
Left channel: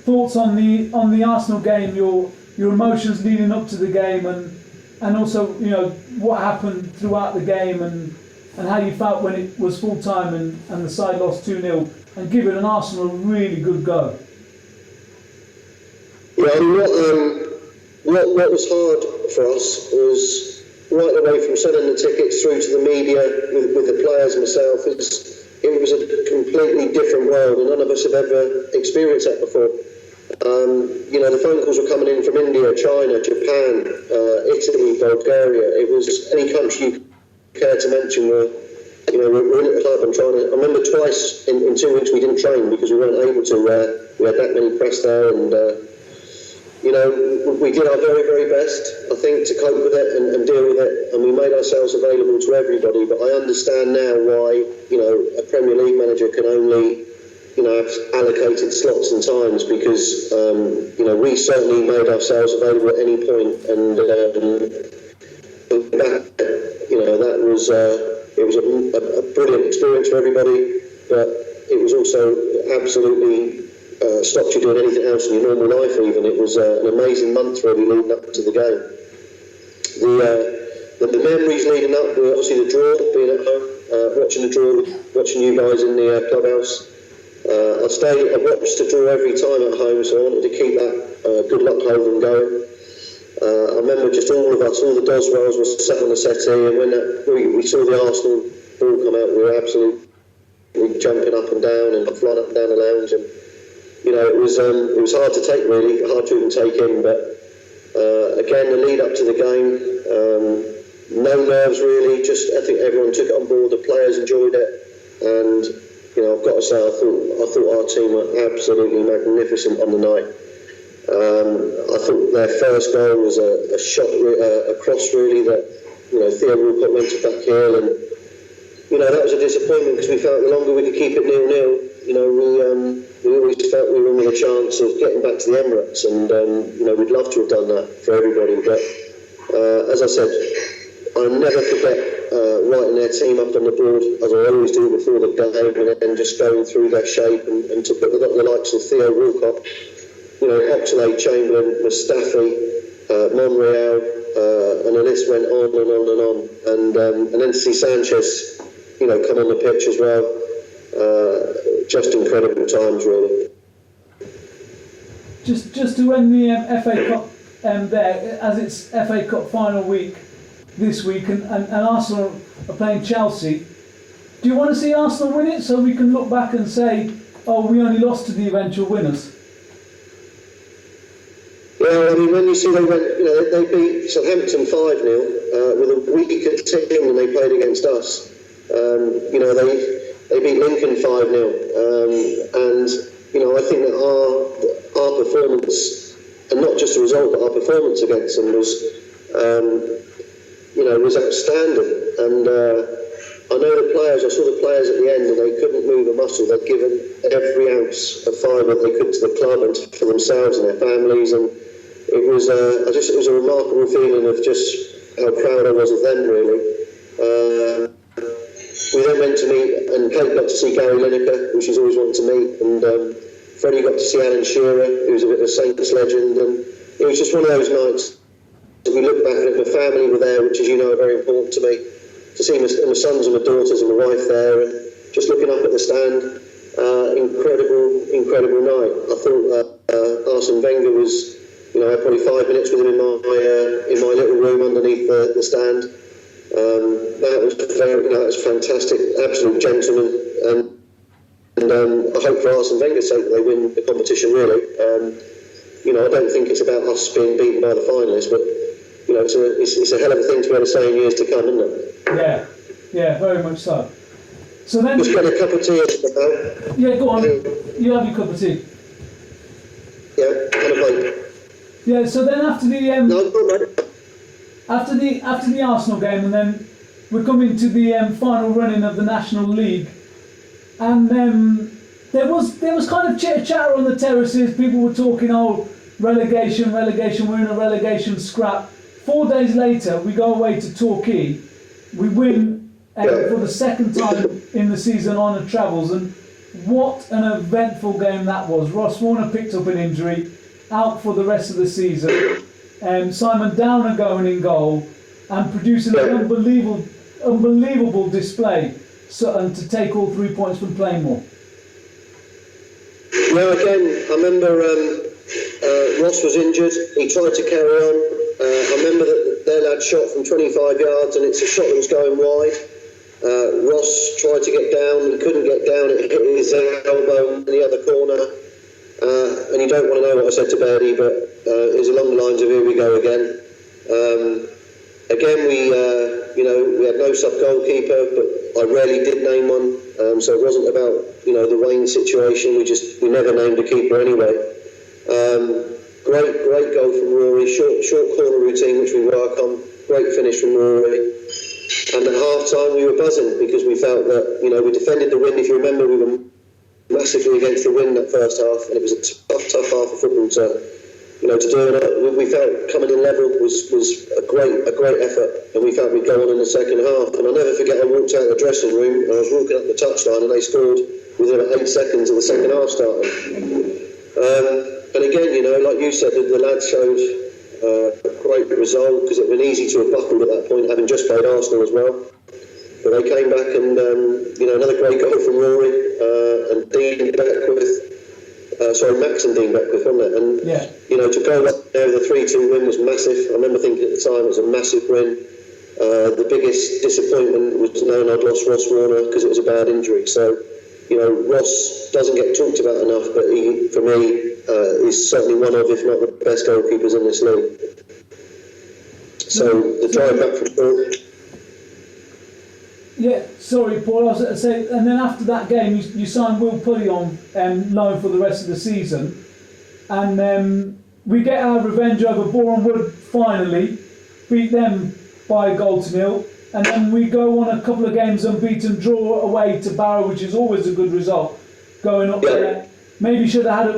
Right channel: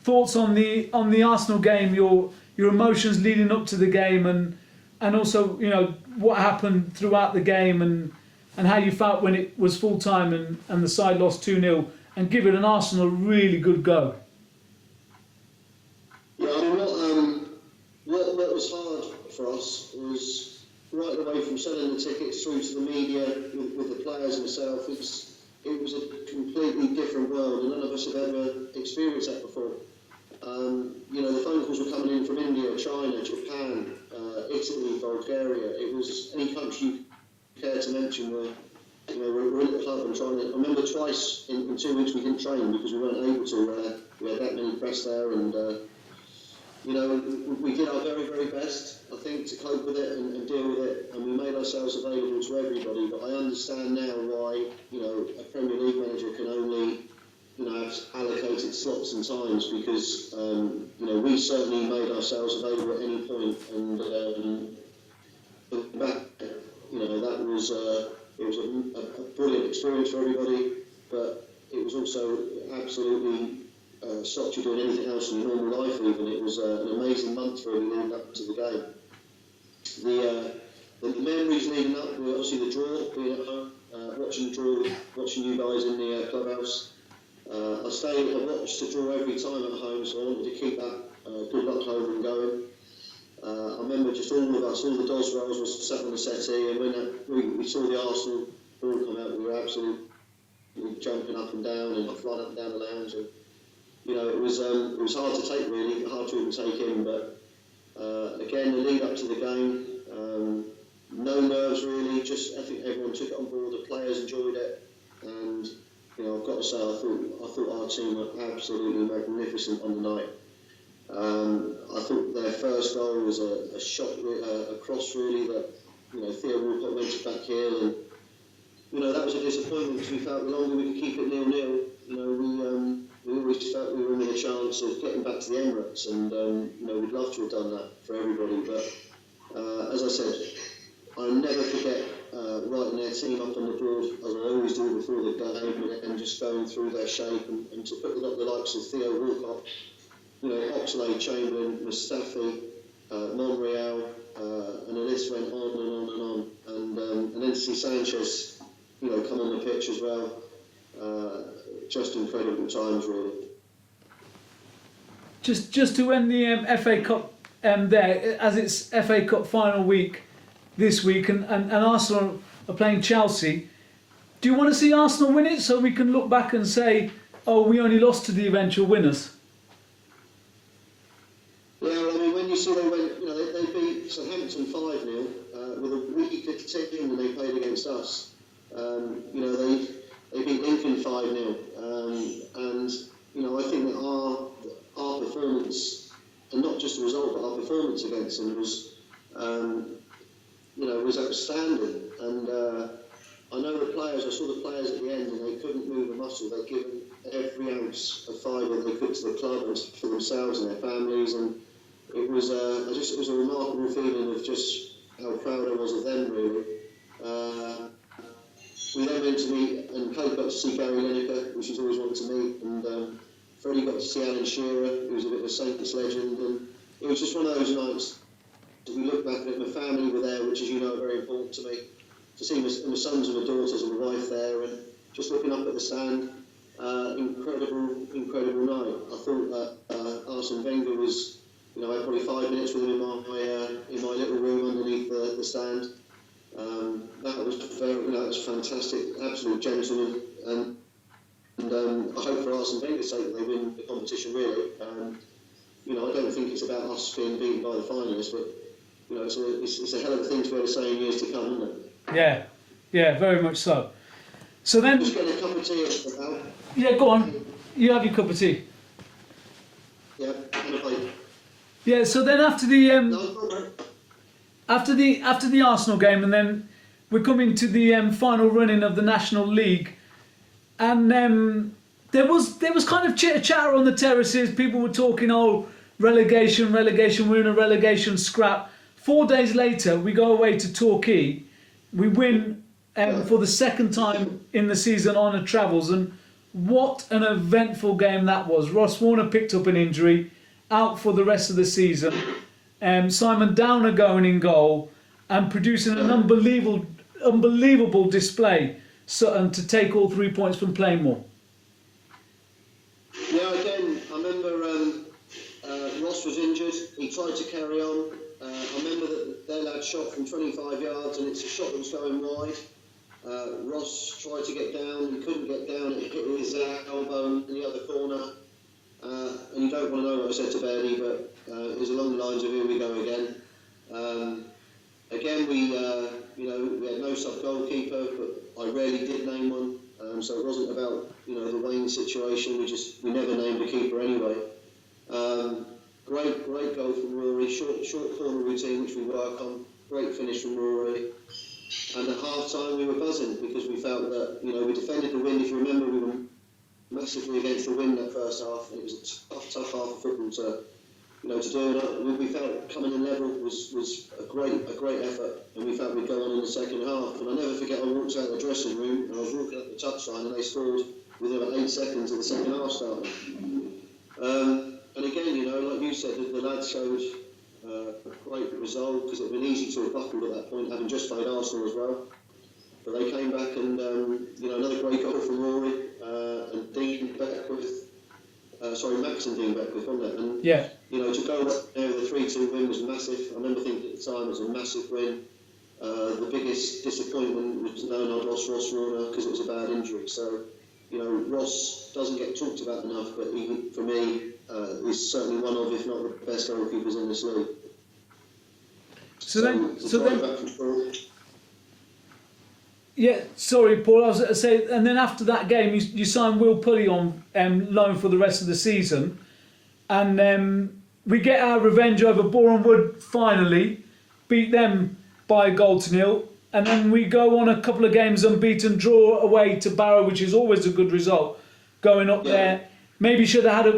thoughts on the Arsenal game, your emotions leading up to the game, and also what happened throughout the game, and how you felt when it was full time and the side lost 2-0 and giving an Arsenal a really good go. Yeah, I mean, what was hard for us was right away from selling the tickets through to the media with the players and myself. It was a completely different world, and none of us have ever experienced that before. The phone calls were coming in from India, China, Japan, Italy, Bulgaria. It was any country you care to mention were we're in at the club and trying to. I remember twice in 2 weeks we didn't train because we weren't able to. We had that many press there, and we did our very, very best, I think, to cope with it and deal with it, and we made ourselves available to everybody. But I understand now why a Premier League manager can only have allocated slots and times, because we certainly made ourselves available at any point, and that was it was a brilliant experience for everybody, but it was also absolutely stopped you doing anything else in your normal life. Even it was an amazing month really leading up to the game. The memories leading up were obviously the draw, being at home, watching the draw, watching you guys in the clubhouse. I watched the draw every time at home, so I wanted to keep that good luck home going. I remember just all of us, all the Doswells were sat on the settee, and when we saw the Arsenal ball come out, we were absolutely jumping up and down and flying up and down the lounge, and it was hard to take, really, hard to even take in. But again, the lead up to the game, no nerves really. Just I think everyone took it on board. The players enjoyed it, and I've got to say, I thought our team were absolutely magnificent on the night. I thought their first goal was a shot, a cross really, that Theo Walcott went to back heel, and that was a disappointment because we felt the longer we could keep it 0-0, we always felt we were with a chance of getting back to the Emirates, and we'd love to have done that for everybody. But as I said, I'll never forget writing their team up on the board, as I always do before the game, and then just going through their shape, and to put the likes of Theo Walcott Oxlade, Chamberlain, Mustafi, Monreal, and the list went on and on and on. And then to see Sanchez, come on the pitch as well, just incredible times, really. Just to end the FA Cup there, as it's FA Cup final week this week, and Arsenal are playing Chelsea. Do you want to see Arsenal win it so we can look back and say, oh, we only lost to the eventual winners? Yeah, I mean, when you see they went, they beat Southampton 5-0 with a weaker team than they played against us. They beat Lincoln 5-0, and I think that our performance, and not just the result, but our performance against them was outstanding. And I know I saw the players at the end, and they couldn't move a muscle. They'd given every ounce of fibre they could to the club and for themselves and their families, and it was a remarkable feeling of just how proud I was of them, really. We then went to meet, and Kate got to see Gary Lineker, who she's always wanted to meet, and Freddie got to see Alan Shearer, who's a bit of a Saints legend, and it was just one of those nights that we look back at. My family were there, which, as you know, are very important to me. To see my sons and my daughters and my wife there, and just looking up at the stand, incredible night. I thought Arsene Wenger was, I had probably 5 minutes with him in my little room underneath the stand. That was fantastic, absolute gentleman, and I hope for Arsene Wenger's sake that they win the competition, really. I don't think it's about us being beaten by the finalists, but it's a hell of a thing to be able to say in years to come, isn't it? Yeah, very much so. So then, just get a cup of tea. Yeah, go on. You have your cup of tea. Yeah, kind of like. Yeah. So then after the No, go on, mate. after the Arsenal game, and then we're coming to the final running of the National League, and there was kind of chitter chatter on the terraces. People were talking, oh, relegation, we're in a relegation scrap. 4 days later, we go away to Torquay. We win for the second time in the season on the travels, and what an eventful game that was. Ross Warner picked up an injury, out for the rest of the season. Simon Downer going in goal and producing an unbelievable display, Sutton, to take all 3 points from Plainmoor. Yeah, again, I remember Ross was injured. He tried to carry on. I remember that their lad shot from 25 yards, and it's a shot that was going wide. Ross tried to get down. He couldn't get down. It hit his elbow in the other corner. And you don't want to know what I said to Bertie, but it was along the lines of, here we go again. Again, we had no sub-goalkeeper, but I rarely did name one. So it wasn't about, the Wayne situation. We never named a keeper anyway. Great goal from Rory. Short corner routine, which we work on. Great finish from Rory. And at half-time, we were buzzing because we felt that, we defended the wind. If you remember, we were massively against the wind that first half, and it was a tough half of football to do it. We felt coming in level was a great effort, and we felt we'd go on in the second half. And I'll never forget, I walked out of the dressing room, and I was walking up the touchline, and they scored within about 8 seconds of the second half starting. And again, like you said, the lads showed a great result, because it would have been easy to have buckled at that point, having just played Arsenal as well. But they came back, and another great goal from Rory, and Dean Beckwith. Max and Dean Beckwith, wasn't it? And to go up there with a 3-2 win was massive. I remember thinking at the time it was a massive win. The biggest disappointment was knowing I'd lost Ross Warner, because it was a bad injury. So, Ross doesn't get talked about enough, but he, for me, is certainly one of, if not the best goalkeepers in this league. So the drive back from Paul. Yeah, sorry, Paul. I was going to say, and then after that game, you signed Will Pulley on loan for the rest of the season, and we get our revenge over Boreham Wood finally, beat them by 1-0, and then we go on a couple of games unbeaten, draw away to Barrow, which is always a good result. Going up there, maybe should have had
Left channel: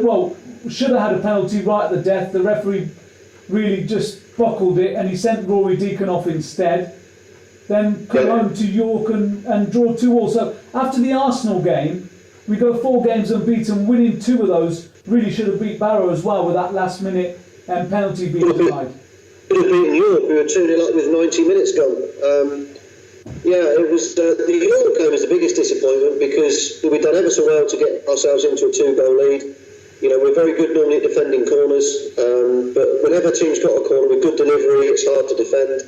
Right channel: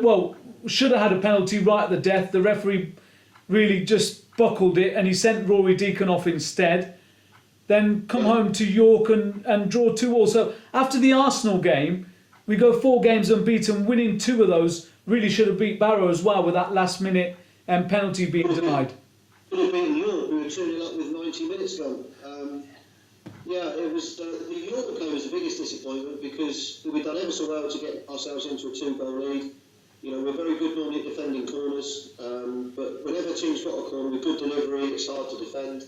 a penalty right at the death. The referee really just buckled it, and he sent Rory Deacon off instead. Then come home to York and draw 2-2. So after the Arsenal game, we go 4 games unbeaten, winning 2 of those, really should have beat Barrow as well with that last minute penalty being denied. Could have beaten York. We were 2-0 up with 90 minutes gone. Yeah, it was the York game was the biggest disappointment because we'd done ever so well to get ourselves into a 2-goal lead. You know, we're very good normally at defending corners, but whenever teams got a corner with good delivery, it's hard to defend.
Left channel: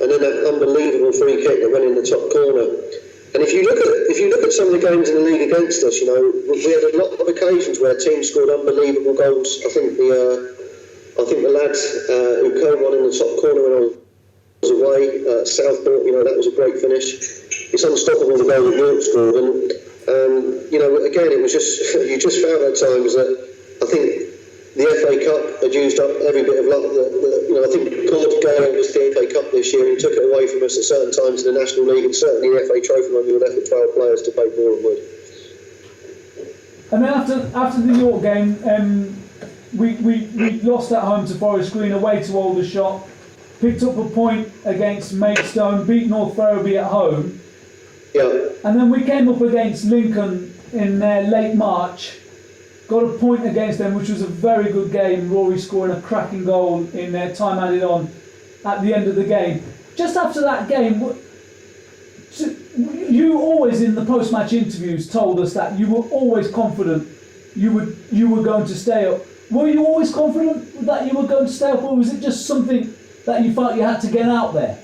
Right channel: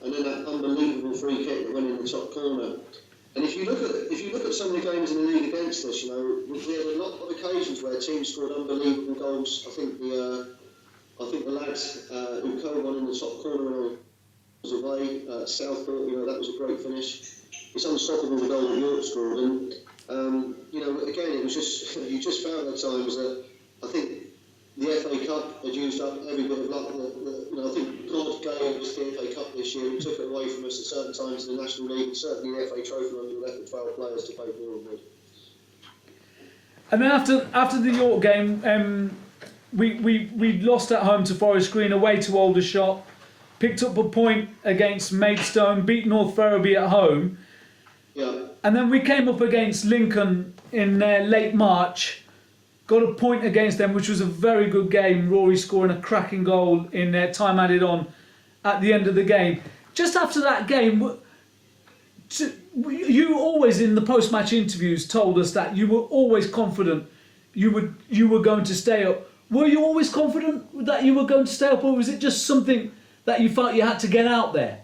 And then that unbelievable free kick that went in the top corner. And if you look at some of the games in the league against us, you know, we had a lot of occasions where teams scored unbelievable goals. I think the lad who curled one in the top corner when I was away, Southport, you know, that was a great finish. It's unstoppable the goal that York scored, and you know, again, it was just you just found at times that I think the FA Cup had used up every bit of luck. You know, I think God gave us the FA Cup this year. He took it away from us at certain times in the National League, and certainly the FA Trophy when we were left with 12 players to play for and would. And then after the York game, we lost at home to Forest Green, away to Aldershot, picked up a point against Maidstone, beat North Ferriby at home. Yeah. And then we came up against Lincoln in late March, got a point against them, which was a very good game. Rory scoring a cracking goal in time added on at the end of the game. Just after that game, you always in the post-match interviews told us that you were always confident you were going to stay up. Were you always confident that you were going to stay up, or was it just something that you felt you had to get out there?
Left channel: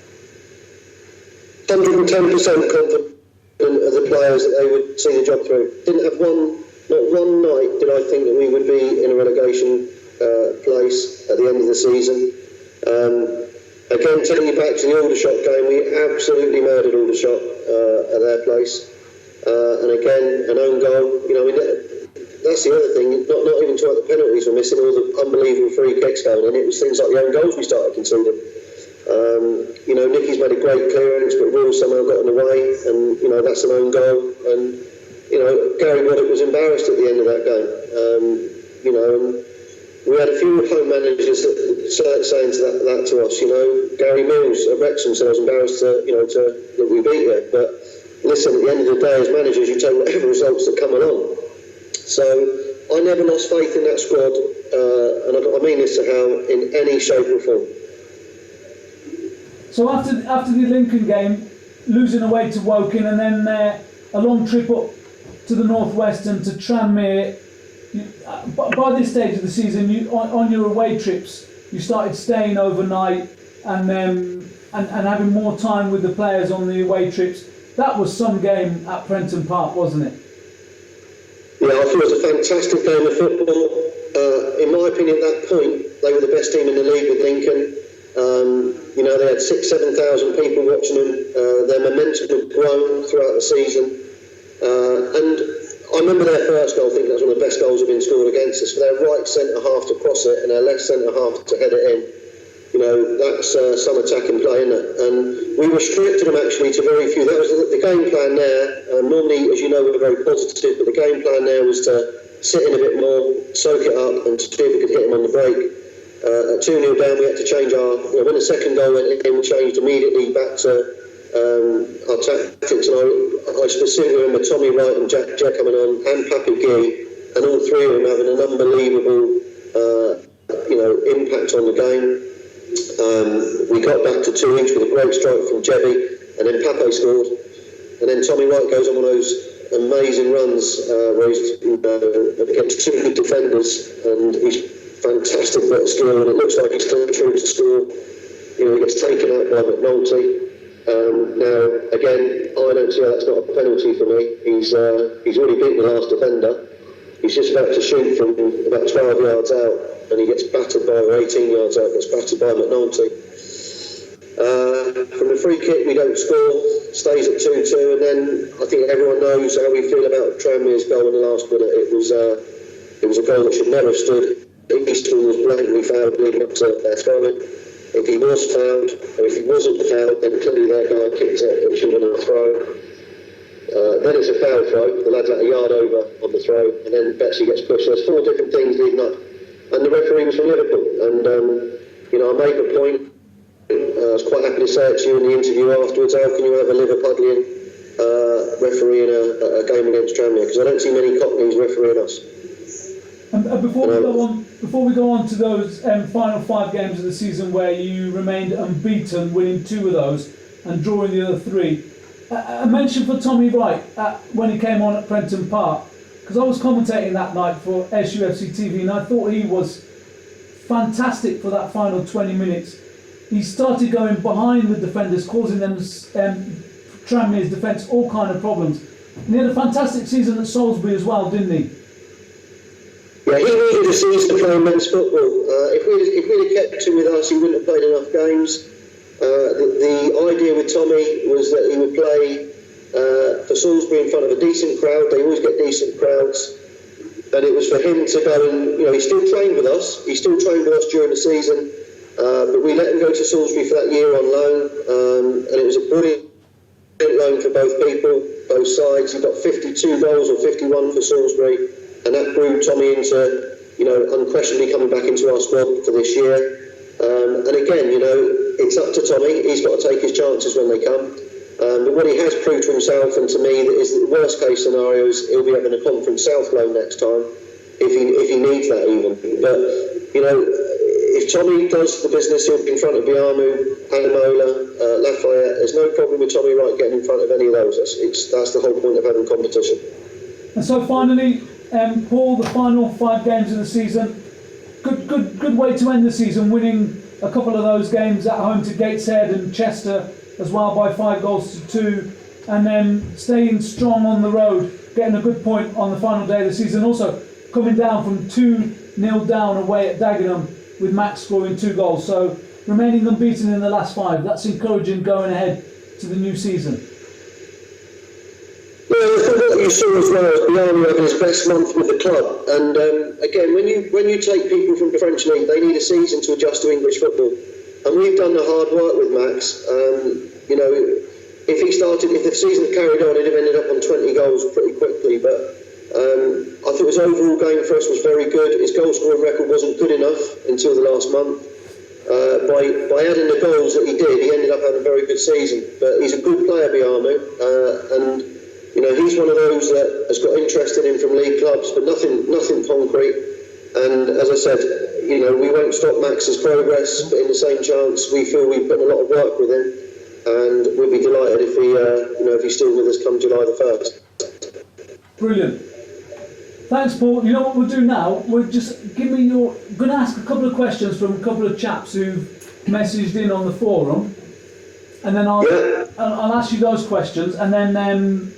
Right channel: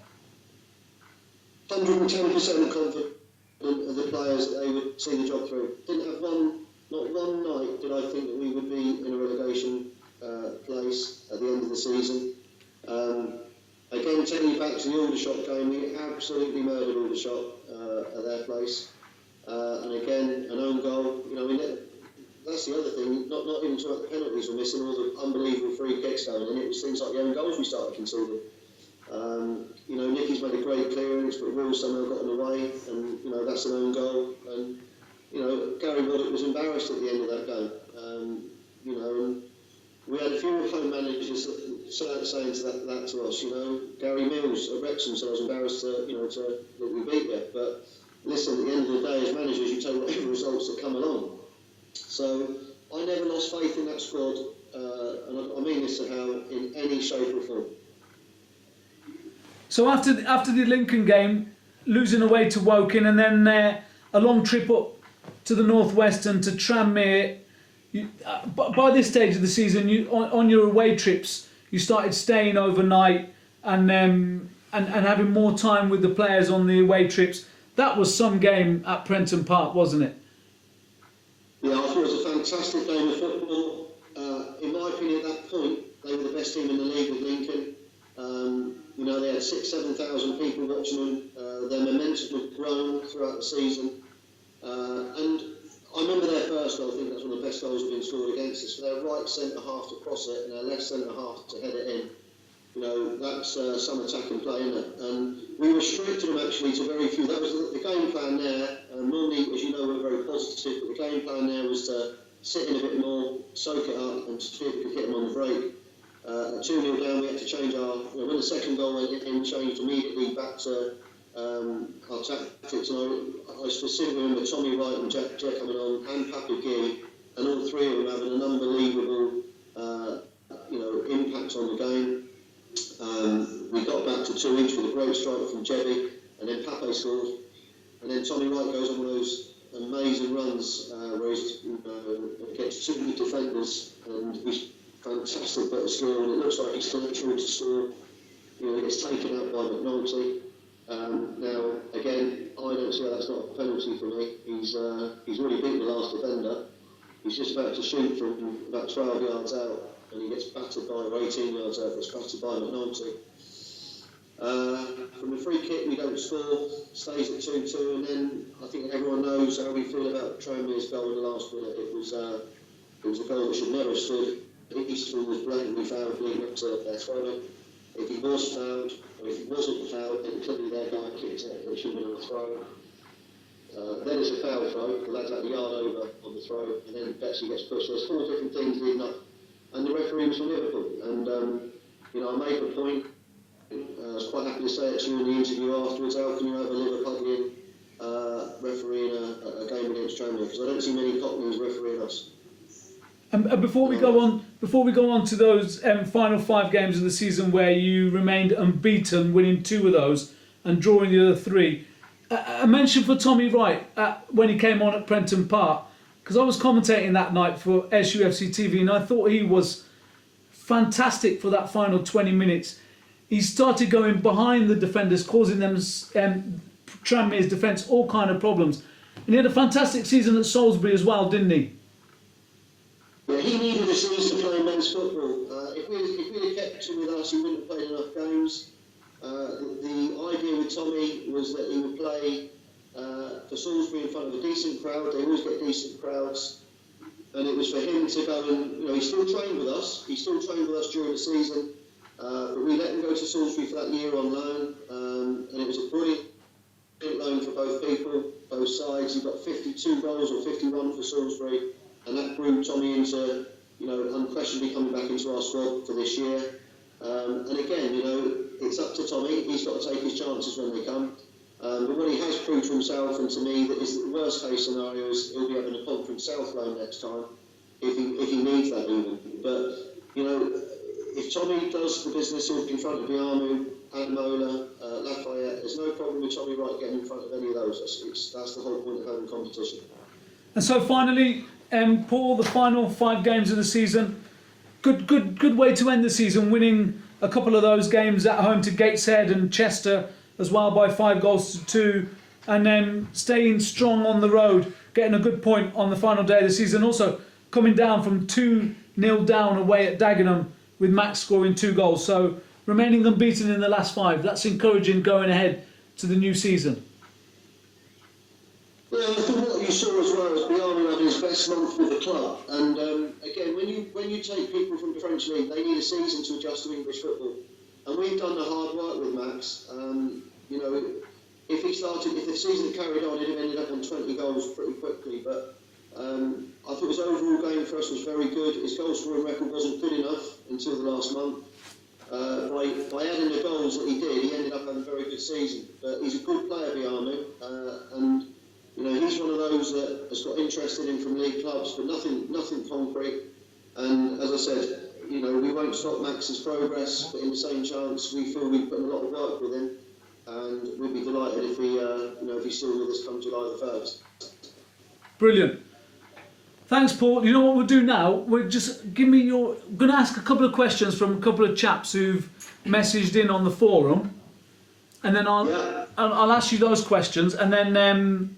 110% confident of the players that they would see the job through. Didn't have not one night did I think that we would be in a relegation place at the end of the season. Again, taking you back to the Aldershot game, we absolutely murdered Aldershot at their place. And again, an own goal. You know, I mean, that's the other thing. Not even talking about the penalties we're missing, all the unbelievable free kicks going in. It was things like the own goals we started conceding. You know, Nicky's made a great clearance, but Will's somehow got in the way, and you know that's an own goal. And you know, Gary Waddock was embarrassed at the end of that game. You know, and we had a few home managers that saying that to us. You know, Gary Mills at Wrexham said I was embarrassed that we beat you. But listen, at the end of the day, as managers, you take whatever results that come along. So I never lost faith in that squad, and I mean this to Hal, in any shape or form. So after the Lincoln game, losing away to Woking, and then a long trip up to the northwest and to Tranmere. By this stage of the season, on your away trips, you started staying overnight and having more time with the players on the away trips. That was some game at Prenton Park, wasn't it? Yeah, I thought it was a fantastic game of football. In my opinion, at that point, they were the best team in the league with Lincoln. You know, they had 6,000-7,000 people watching them. Their momentum had grown throughout the season. And I remember their first goal, I think that was one of the best goals that have been scored against us. For their right centre-half to cross it and their left centre-half to head it in. You know, that's some attacking play, isn't it? And we restricted them actually to very few. That was the game plan there. Normally, as you know, we're very positive, but the game plan there was to sit in a bit more, soak it up, and see if we could hit them on the break. At 2-0 down, we had to change when the second goal went in, we changed immediately back to our tactics. And I specifically remember Tommy Wright and Jack coming on, and Pappy Gee, and all three of them having an unbelievable, impact on the game. We got back to 2 each with a great strike from Jebby, and then Pape scored. And then Tommy Wright goes on one of those amazing runs where he's against two good defenders, and he's fantastic bit of skill, and it looks like he's still true to score. You know, he gets taken out by McNulty. Now, again, I don't see how that's not a penalty for me. He's already beaten the last defender. He's just about to shoot from about 12 yards out, and he gets battered by, or 18 yards out, gets battered by McNulty. From the free kick, we don't score, stays at 2-2, and then I think everyone knows how we feel about Tranmere's goal in the last minute. It was a goal that should never have stood. Easton was blatantly fouled leading up to their scoring. If he was fouled, or if he wasn't fouled, then clearly their guy kicks it, it should have been a throw. Then it's a foul throw, the lad's like a yard over on the throw, and then Betsy gets pushed. There's 4 different things leading up, and the referee was from Liverpool. And I made the point, I was quite happy to say it to you in the interview afterwards, how can you have a Liverpudlian referee in a game against Tranmere? Because I don't see many Cockneys refereeing us. And before we go on to those final 5 games of the season where you remained unbeaten, winning 2 of those and drawing the other 3, a mention for Tommy Wright when he came on at Prenton Park, because I was commentating that night for SUFCtv, and I thought he was fantastic for that final 20 minutes. He started going behind the defenders, causing them, Tranmere's defence, all kind of problems. And he had a fantastic season at Salisbury as well, didn't he? Yeah, he needed a season to play men's football. If we'd have kept him with us, he wouldn't have played enough games. The idea with Tommy was that he would play for Salisbury in front of a decent crowd. They always get decent crowds. And it was for him to go and, he still trained with us. He still trained with us during the season. But we let him go to Salisbury for that year on loan. And it was a brilliant loan for both people, both sides. He got 52 goals or 51 for Salisbury. And that grew Tommy into, unquestionably coming back into our squad for this year. And again, it's up to Tommy. He's got to take his chances when they come. But what he has proved to himself and to me is that the worst case scenario is he'll be having a Conference South loan next time, if he needs that even. But, if Tommy does the business, he'll be in front of Biamu, Anamola, Lafayette. There's no problem with Tommy Wright getting in front of any of those. That's the whole point of having competition. And so finally, Paul, the final 5 games of the season, good way to end the season, winning a couple of those games at home to Gateshead and Chester as well by 5 goals to 2, and then staying strong on the road, getting a good point on the final day of the season. Also coming down from 2-0 down away at Dagenham with Max scoring 2 goals. So remaining unbeaten in the last 5. That's encouraging going ahead to the new season. Yeah, I think what you saw as well is Biamu having his best month with the club. And again, when you take people from the French league, they need a season to adjust to English football. And we've done the hard work with Max. If the season carried on, he'd have ended up on 20 goals pretty quickly. But I thought his overall game for us was very good. His goal scoring record wasn't good enough until the last month. By adding the goals that he did, he ended up having a very good season. But he's a good player, Biamu, and he's one of those that has got interest in him from league clubs, but nothing concrete. And as I said, we won't stop Max's progress, but in the same chance, we feel we've done a lot of work with him, and we'd be delighted if he's still with us come July the 1st. Brilliant. Thanks, Paul. You know what we'll do now? We'll just I'm going to ask a couple of questions from a couple of chaps who've messaged in on the forum, and then I'll ask you those questions, and then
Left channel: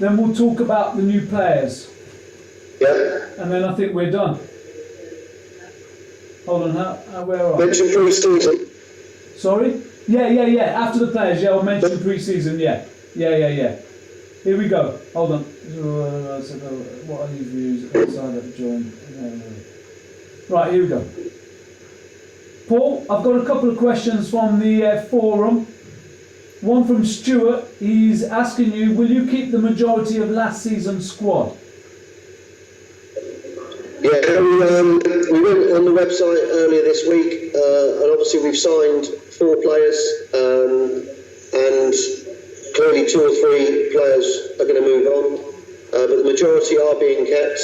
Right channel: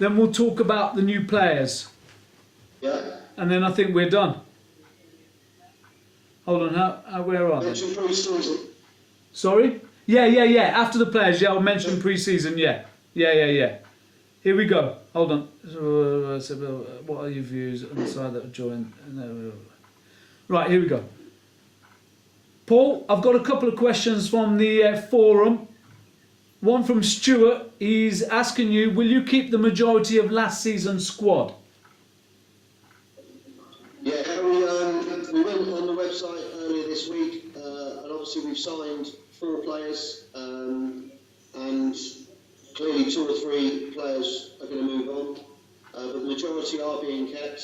we'll talk about the new players. Yeah. And then I think we're done. Hold on, where are we? Mention pre-season. Sorry? Yeah. After the players, I'll mention pre-season, yeah. Here we go. Hold on. What are your views outside that join? Right, here we go. Paul, I've got a couple of questions from the forum. One from Stuart. He's asking you, will you keep the majority of last season's squad? Yeah, we went on the website earlier this week, and obviously we've signed 4 players, and clearly 2 or 3 players are going to move on, but the majority are being kept,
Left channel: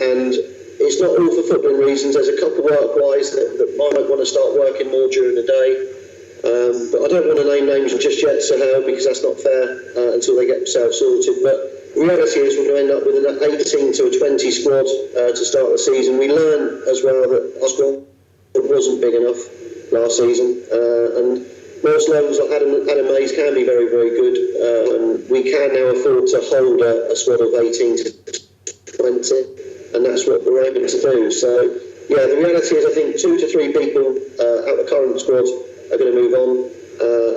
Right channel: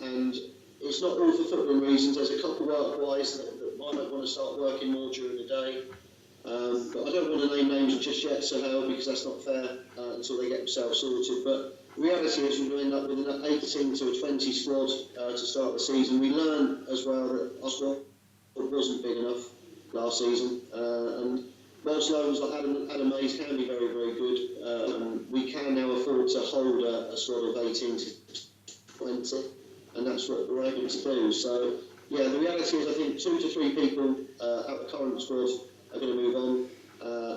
and it's not all for footballing reasons. There's a couple work-wise that might want to start working more during the day, but I don't want to name names just yet, Sohail, because that's not fair until they get themselves sorted. But the reality is we're going to end up with an 18 to a 20 squad to start the season. We learned as well that our squad wasn't big enough last season, and whilst loans like Adam Mays can be very, very good, we can now afford to hold a squad of 18 to 20, and that's what we're able to do. So, yeah, the reality is I think 2 to 3 people out of the current squad are going to move on.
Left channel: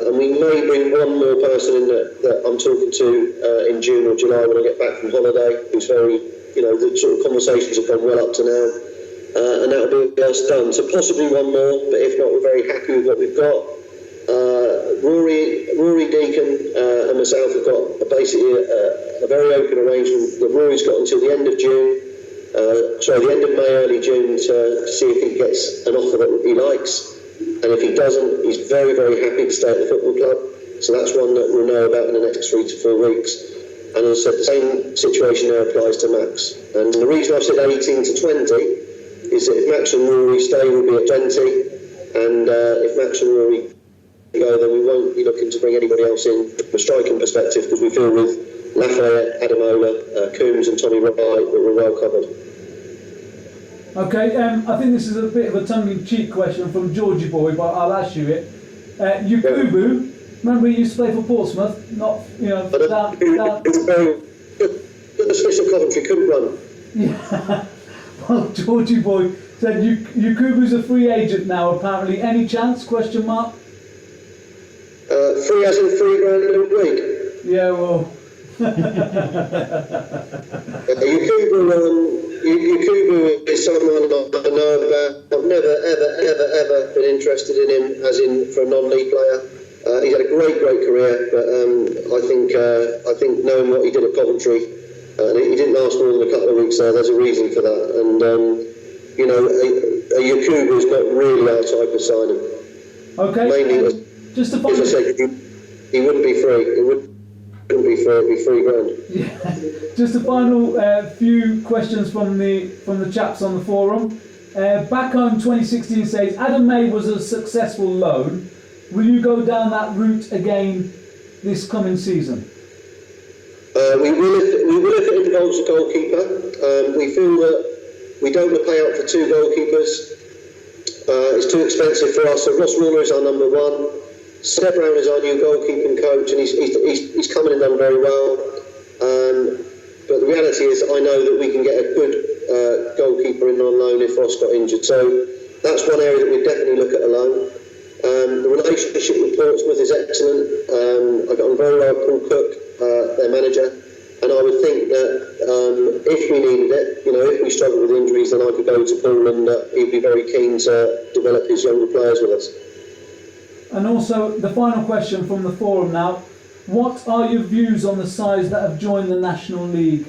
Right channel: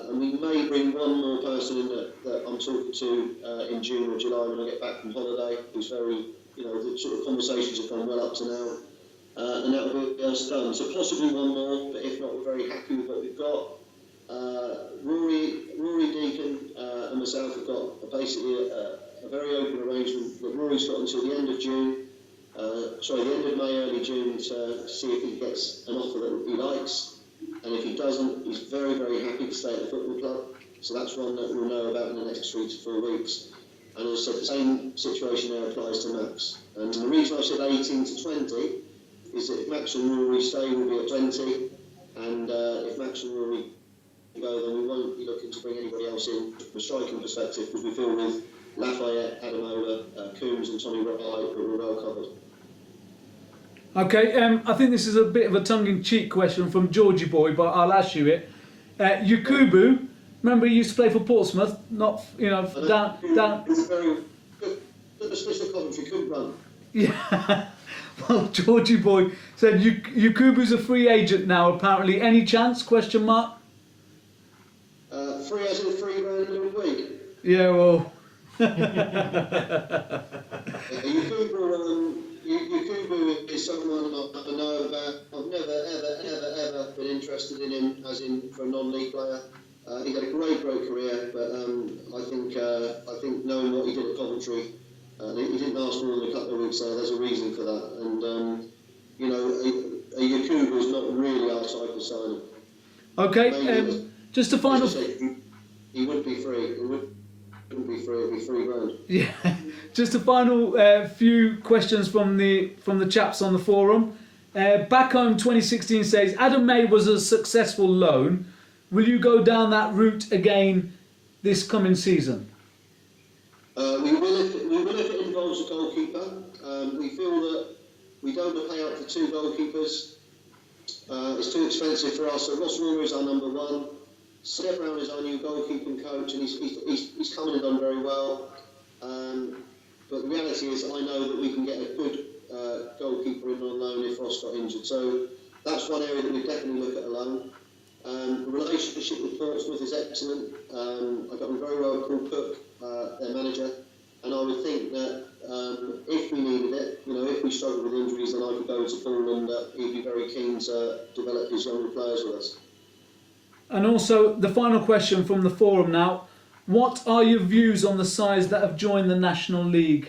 And we may bring one more person in that I'm talking to in June or July when I get back from holiday, who's very, the sort of conversations have gone well up to now, and that'll be us done. So possibly one more, but if not, we're very happy with what we've got. Rory Deacon and myself have got basically a very open arrangement that Rory's got until the end of June, the end of May, early June, to see if he gets an offer that he likes. And if he doesn't, he's very, very happy to stay at the football club. So that's one that we'll know about in the next 3 to 4 weeks. And as I said, the same situation now applies to Max. And the reason I've said 18 to 20 is that if Max and Rory stay, we'll be at 20. And if Max and Rory go, then we won't be looking to bring anybody else in from a striking perspective, because we feel with Lafayette, Adamola, Coombs and Tommy Wright that we're well covered. Okay, I think this is a bit of a tongue-in-cheek question from Georgie Boy, but I'll ask you it. Yakubu, remember he used to play for Portsmouth, not, you know, down. It was very good. The Swiss of Coventry couldn't run. Yeah. Well, Georgie Boy said Yakubu's a free agent now, apparently. Any chance, question mark? Free as in £3,000 in a week. Yeah, well... Yakubu is someone I know about. I've never, ever been interested in him as in for a non-league player. He's had a great career, but I think knowing what he did at Coventry, and he didn't last more than a couple of weeks there, there's a reason for that. And, you know, a Yakubu is not really our type of signing. Okay, just to find... As I said, he wouldn't be free. It wouldn't be free, it'd be £3,000. Yeah. Just a final few questions from the chaps on the forum. Back Home 2016 says, Adam May was a successful loan. Will you go down that route again this coming season? We will if it involves a goalkeeper. We feel that we don't want to pay out for two goalkeepers. It's too expensive for us. So Ross Ruler is our number one. Seb Brown is our new goalkeeping coach, and he's come in and done very well. But the reality is, I know that we can get a good goalkeeper in on loan if Ross got injured. So that's one area that we definitely look at a loan. The relationship with Portsmouth is excellent. I got on very well with Paul Cook, their manager, and I would think that if we needed it, you know, if we struggled with injuries, then I could go to Paul and he'd be very keen to develop his younger players with us. And also, the final question from the forum now. What are your views on the sides that have joined the National League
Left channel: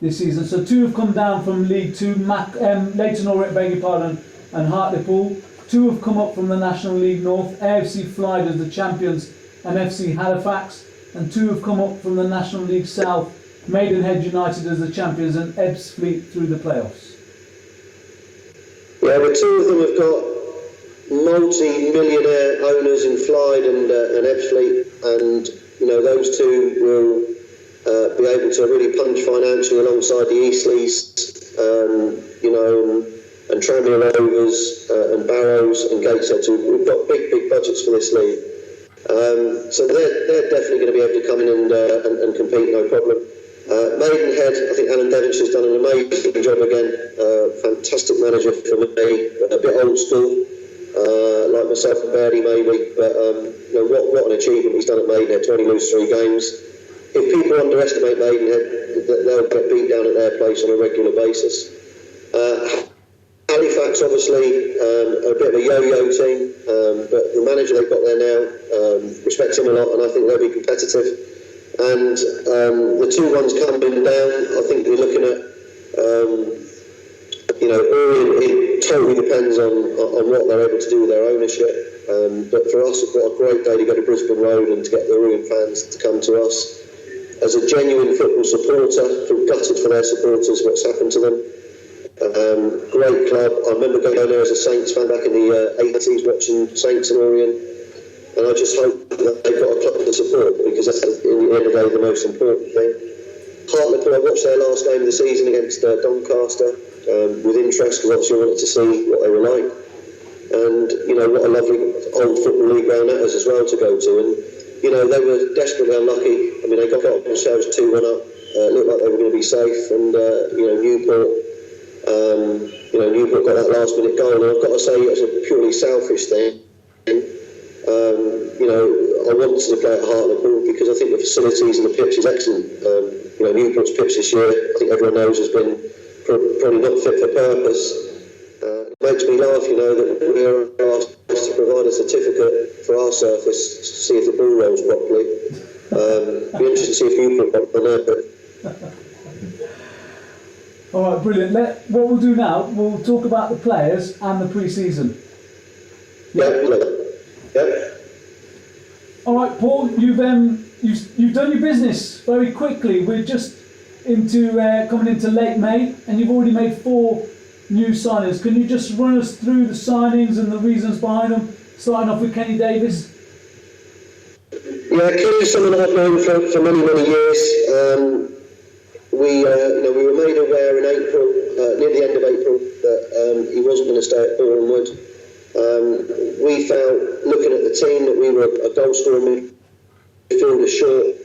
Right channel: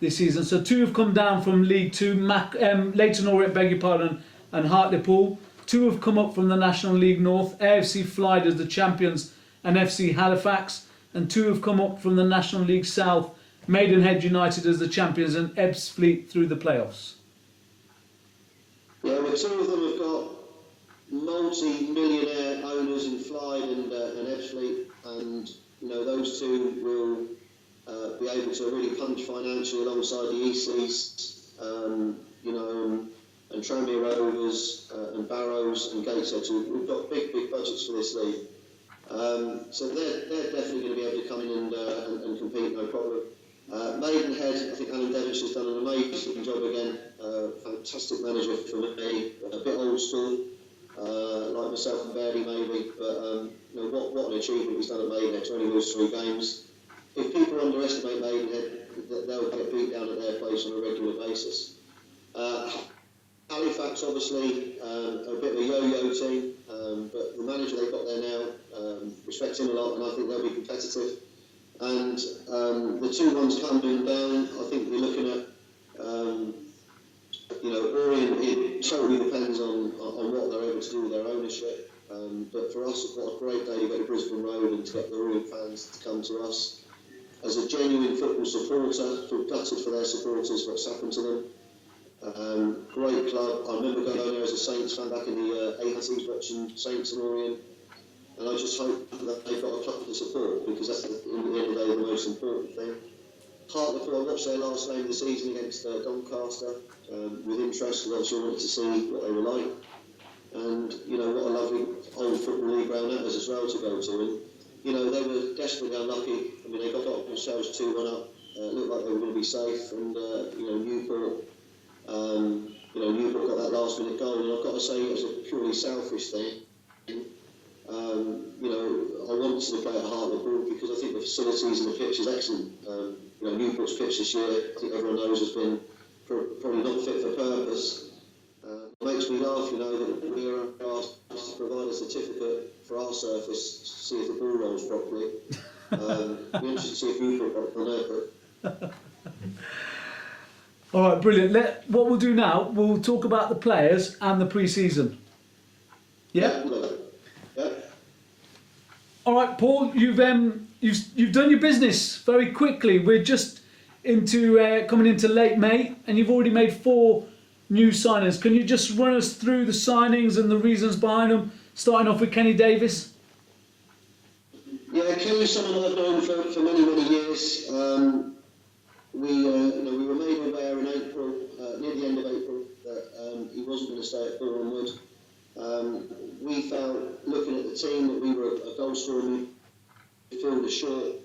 this season? So 2 have come down from League 2, Leyton Orient, beg your pardon, and Hartlepool. 2 have come up from the National League North, AFC Flyde as the champions and FC Halifax. And 2 have come up from the National League South, Maidenhead United as the champions and Ebbsfleet through the playoffs. Yeah, but 2 of them have got multi-millionaire owners in Flyde and Ebbsfleet, and you know those 2 will be able to really punch financially alongside the Eastleys, you know, and Tranmere Rovers and Barrows and Gateshead. So we've got big budgets for this league, so they're definitely going to be able to come in and compete, no problem. Maidenhead, I think Alan Devinshire's done an amazing job again. Fantastic manager for me, a bit old school. Like myself and Birdie maybe, but you know, what an achievement he's done at Maidenhead to only lose 3 games. If people underestimate Maidenhead, they'll get beat down at their place on a regular basis. Halifax obviously a bit of a yo-yo team, but the manager they've got there now, respect him a lot, and I think they'll be competitive. And the 2 ones coming down, I think we're looking at you know, it totally depends on what they're able to do with their ownership. But for us, it's got a great day to go to Brisbane Road and to get the Orient fans to come to us. As a genuine football supporter, feel gutted for their supporters, what's happened to them. Great club. I remember going there as a Saints fan back in the 80s, watching Saints and Orient. And I just hope that they've got a club to support, because that's, in the end of the day, the most important thing. Hartlepool, I watched their last game of the season against Doncaster with interest, because obviously I wanted to see what they were like. And, you know, what a lovely old football league ground that is as well to go to. And, you know, they were desperately unlucky. I mean, they got themselves 2-1 up. Looked like they were going to be safe. And, you know, Newport got that last minute goal. And I've got to say, it was a purely selfish thing. You know, I wanted to play at Hartlepool because I think the facilities and the pitch is excellent. You know, Newport's pitch this year, I think everyone knows, has been probably not fit for purpose. It makes me laugh, you know, that we're asked to provide a certificate for our surface to see if the ball rolls properly. Be interested to see if Newport got on there. All right, brilliant. What we'll do now, we'll talk about the players and the pre-season. Yeah. All right, Paul, you've you've done your business very quickly. We're just coming into late May, and you've already made 4 new signings. Can you just run us through the signings and the reasons behind them, starting off with Kenny Davis? Yeah, Kenny's someone I've known for many years. We were made aware in April, near the end of April, that he wasn't going to stay at Bournemouth. We felt, looking at the team, that we were a goal-scoring midfielder short.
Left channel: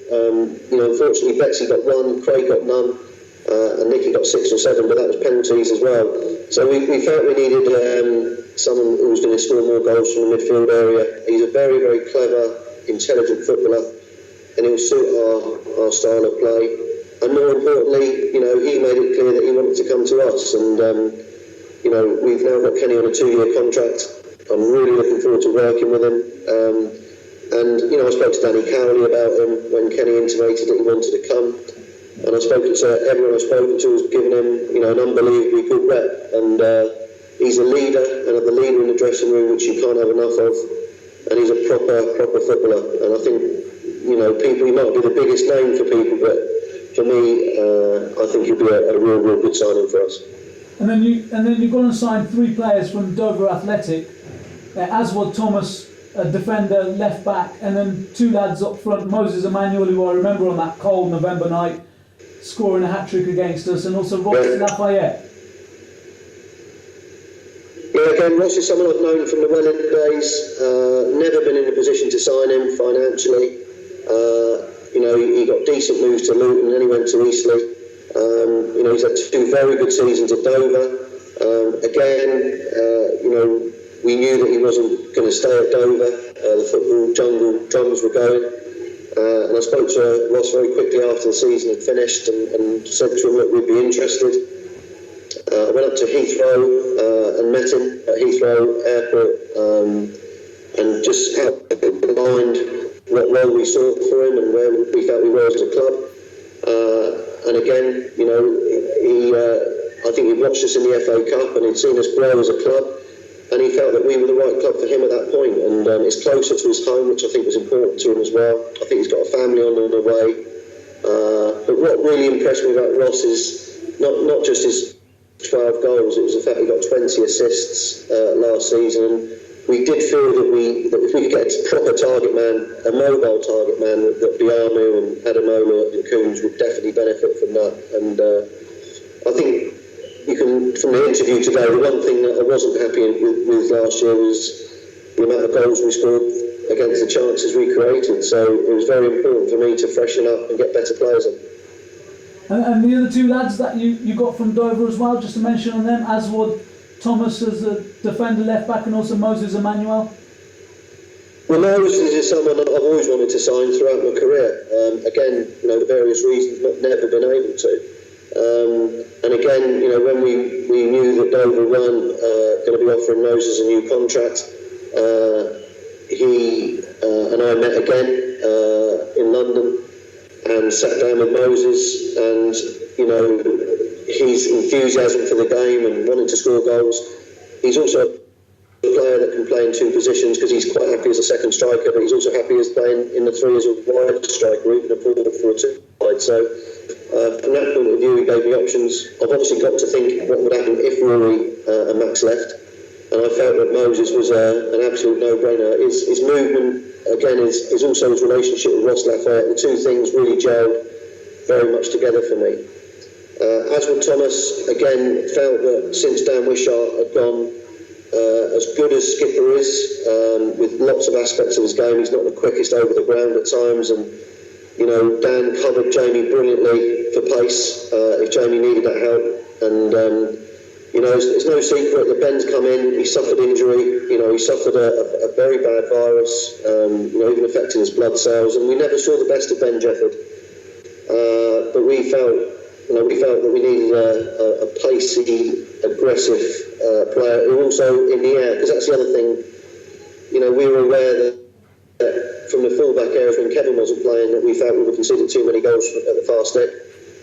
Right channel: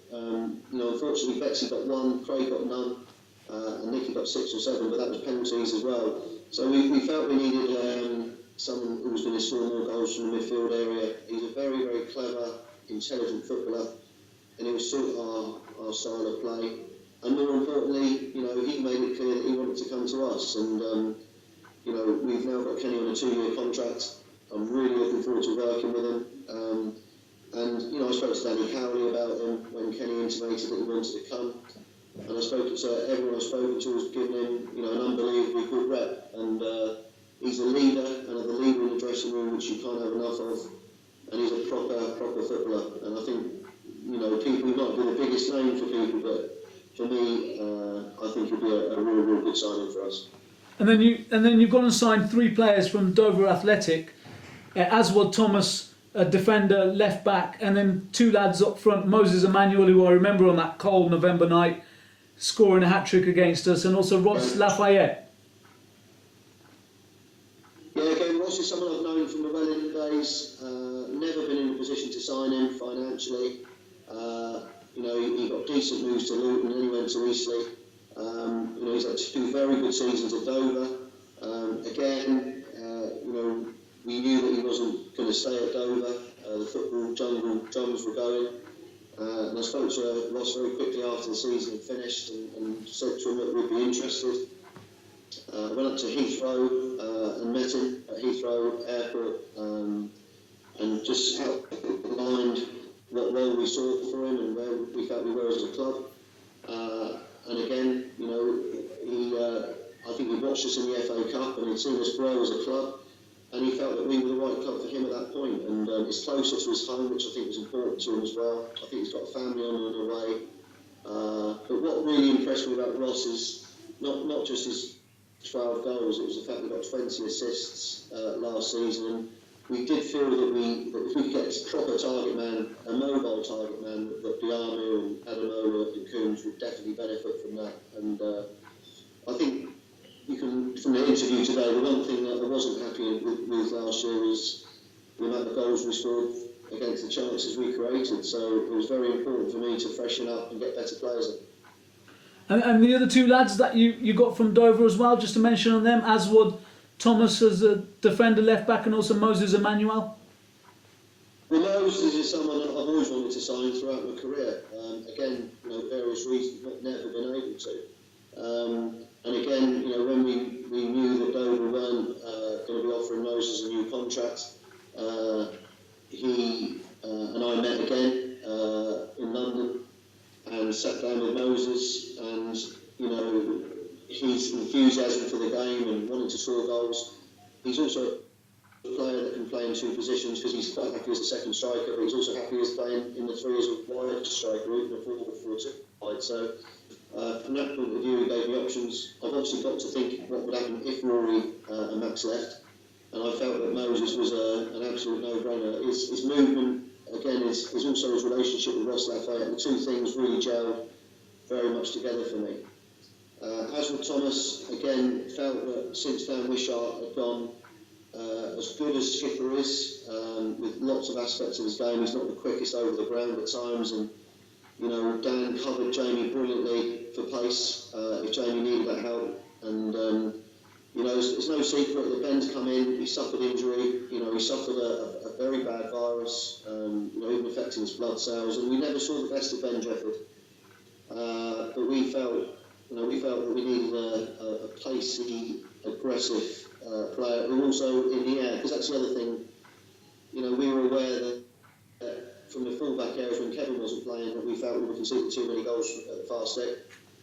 Unfortunately, Betsy got 1, Craig got none, and Nicky got 6 or 7, but that was penalties as well. So we felt we needed someone who was going to score more goals from the midfield area. He's a very, very clever, intelligent footballer, and he'll suit our style of play. And more importantly, he made it clear that he wanted to come to us. And we've now got Kenny on a 2-year contract. I'm really looking forward to working with him. I spoke to Danny Cowley about him when Kenny intimated that he wanted to come. And I've spoken to everyone I've spoken to has given him, an unbelievably good rep. And he's a leader, and the leader in the dressing room, which you can't have enough of. And he's a proper footballer. And I think, he might be the biggest name for people, but for me, I think he'll be a real good signing for us. And then you've gone and signed 3 players from Dover Athletic, Aswad Thomas, a defender, left back, and then 2 lads up front, Moses Emmanuel, who I remember on that cold November night scoring a hat-trick against us, and also Ross Lafayette. Yeah, again, Ross is someone I've known from the Welling days. Never been in a position to sign him financially. He got decent moves to Luton, and then he went to Eastleigh. He's had 2 very good seasons at Dover. We knew that he wasn't going to stay at Dover. The football jungle drums were going. And I spoke to Ross very quickly after the season had finished and said to him that we'd be interested. I went up to Heathrow and met him at Heathrow Airport and just outlined what role we saw for him and where we felt we were as a club. And again, I think he watched us in the FA Cup and he'd seen us grow as a club. And he felt that we were the right club for him at that point. And it's closer to his home, which I think was important to him as well. I think he's got a family on the way. But what really impressed me about Ross is not just his 12 goals, it was the fact he got 20 assists last season. We did feel that if we could get a proper target man, a mobile target man, that Biamu and Adamola and Coombs would definitely benefit from that. And I think you can, from the interview today, the one thing that I wasn't happy with last year was the amount of goals we scored against the chances we created. So it was very important for me to freshen up and get better players in. And the other 2 lads that you got from Dover as well, just to mention on them, Aswad Thomas as a defender left back, and also Moses Emmanuel. Well, Moses is someone that I've always wanted to sign throughout my career. Again, for various reasons, but never been able to. And again, when we knew that Dover weren't going to be offering Moses a new contract, he and I met again in London and sat down with Moses, and his enthusiasm for the game and wanting to score goals. He's also a player that can play in 2 positions because he's quite happy as a second striker, but he's also happy as playing in the 3 as a wide striker, even a 4-4-2 side. So from that point of view, he gave me options. I've obviously got to think what would happen if Rory and Max left, and I felt that Moses was an absolute no-brainer. His movement, again, is also his relationship with Ross Lafayette. The 2 things really gelled very much together for me. Aswad Thomas, again, felt that since Dan Wishart had gone, as good as Skipper is, with lots of aspects of his game, he's not the quickest over the ground at times, and Dan covered Jamie brilliantly for pace if Jamie needed that help. And it's no secret that Ben's come in, he suffered injury, he suffered a very bad virus, even affecting his blood cells, and we never saw the best of Ben Jefford. But we felt that we needed a pacey, aggressive player who also in the air, because that's the other thing. We were aware that from the full-back areas when Kevin wasn't playing, that we felt we were conceding too many goals at the far stick.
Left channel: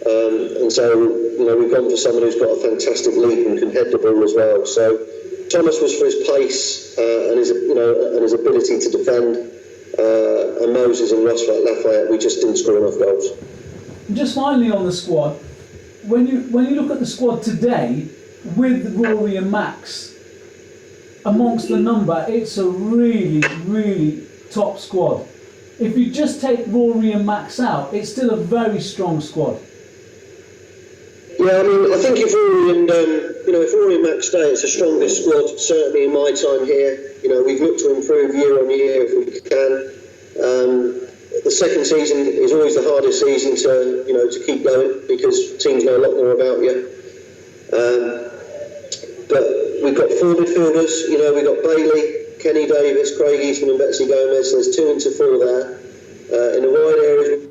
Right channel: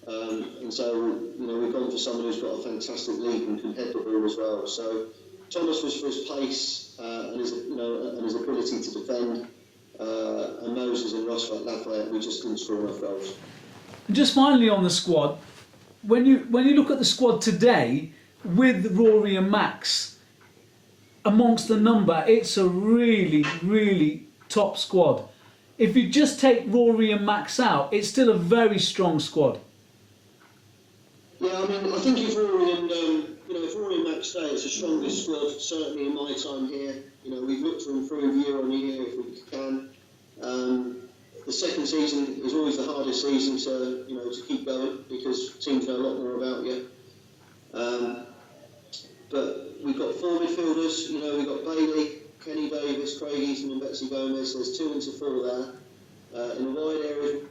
And so, we've gone for someone who's got a fantastic leap and can head the ball as well. So Thomas was for his pace and his ability to defend. and Moses and Ross Lafayette, we just didn't score enough goals. Just finally on the squad, when you look at the squad today with Rory and Max amongst the number, it's a really, really top squad. If you just take Rory and Max out, it's still a very strong squad. Yeah, I mean, I think if Rory and Max stay, it's the strongest squad, certainly in my time here. We've looked to improve year on year if we can. The second season is always the hardest season to keep going because teams know a lot more about you. But we've got four midfielders. We've got Bailey, Kenny Davis, Craig Eastman and Betsy Gomez. So there's 2 into 4 there. In the wide areas,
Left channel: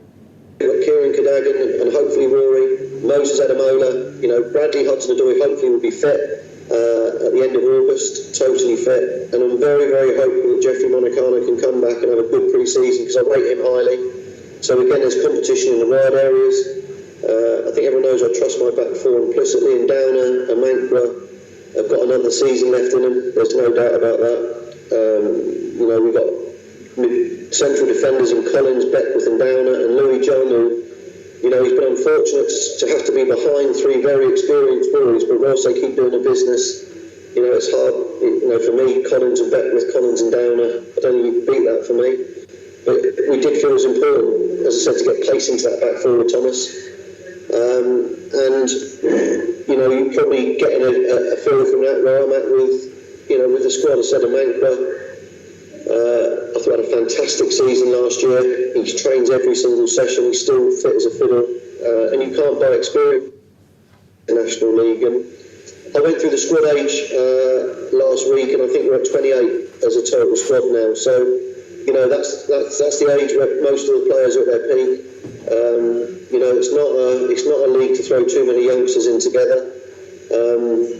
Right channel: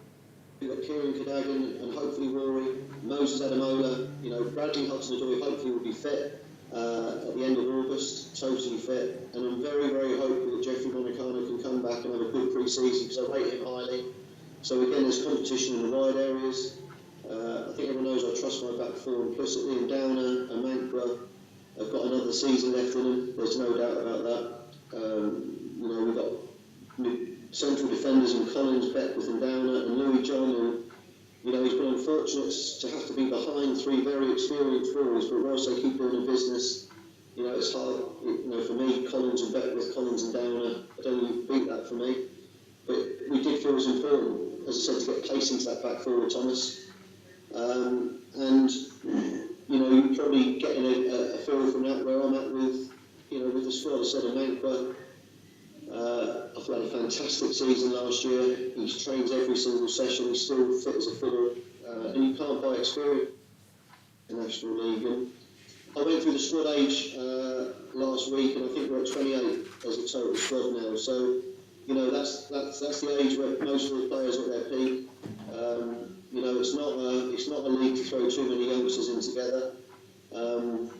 we've got Kieran Cadogan and hopefully Rory. Moses Adamola, Bradley Hudson-Odoi hopefully will be fit at the end of August, totally fit. And I'm very, very hopeful that Jeffrey Monicano can come back and have a good pre-season because I rate him highly. So again, there's competition in the wide areas. I think everyone knows I trust my back four implicitly, and Downer and Mankra have got another season left in them. There's no doubt about that. We've got central defenders in Collins, Beckwith and Downer, and Louis John, who he's been unfortunate to have to be behind 3 very experienced boys, but whilst they keep doing the business, it's hard. For me, Collins and Beckwith, Collins and Downer, I don't think you can beat that for me. But we did feel it was important, as I said, to get place into that back four with Thomas. You're probably getting a feel from that where I'm at with the squad. I said Mankra. I thought he had a fantastic season last year. He trains every single session. He's still fit as a fiddle, and you can't buy experience in the National League. And I went through the squad age last week, and I think we're at 28 as a total squad now. So, that's the age where most of the players are at their peak. It's not a league to throw too many youngsters in together.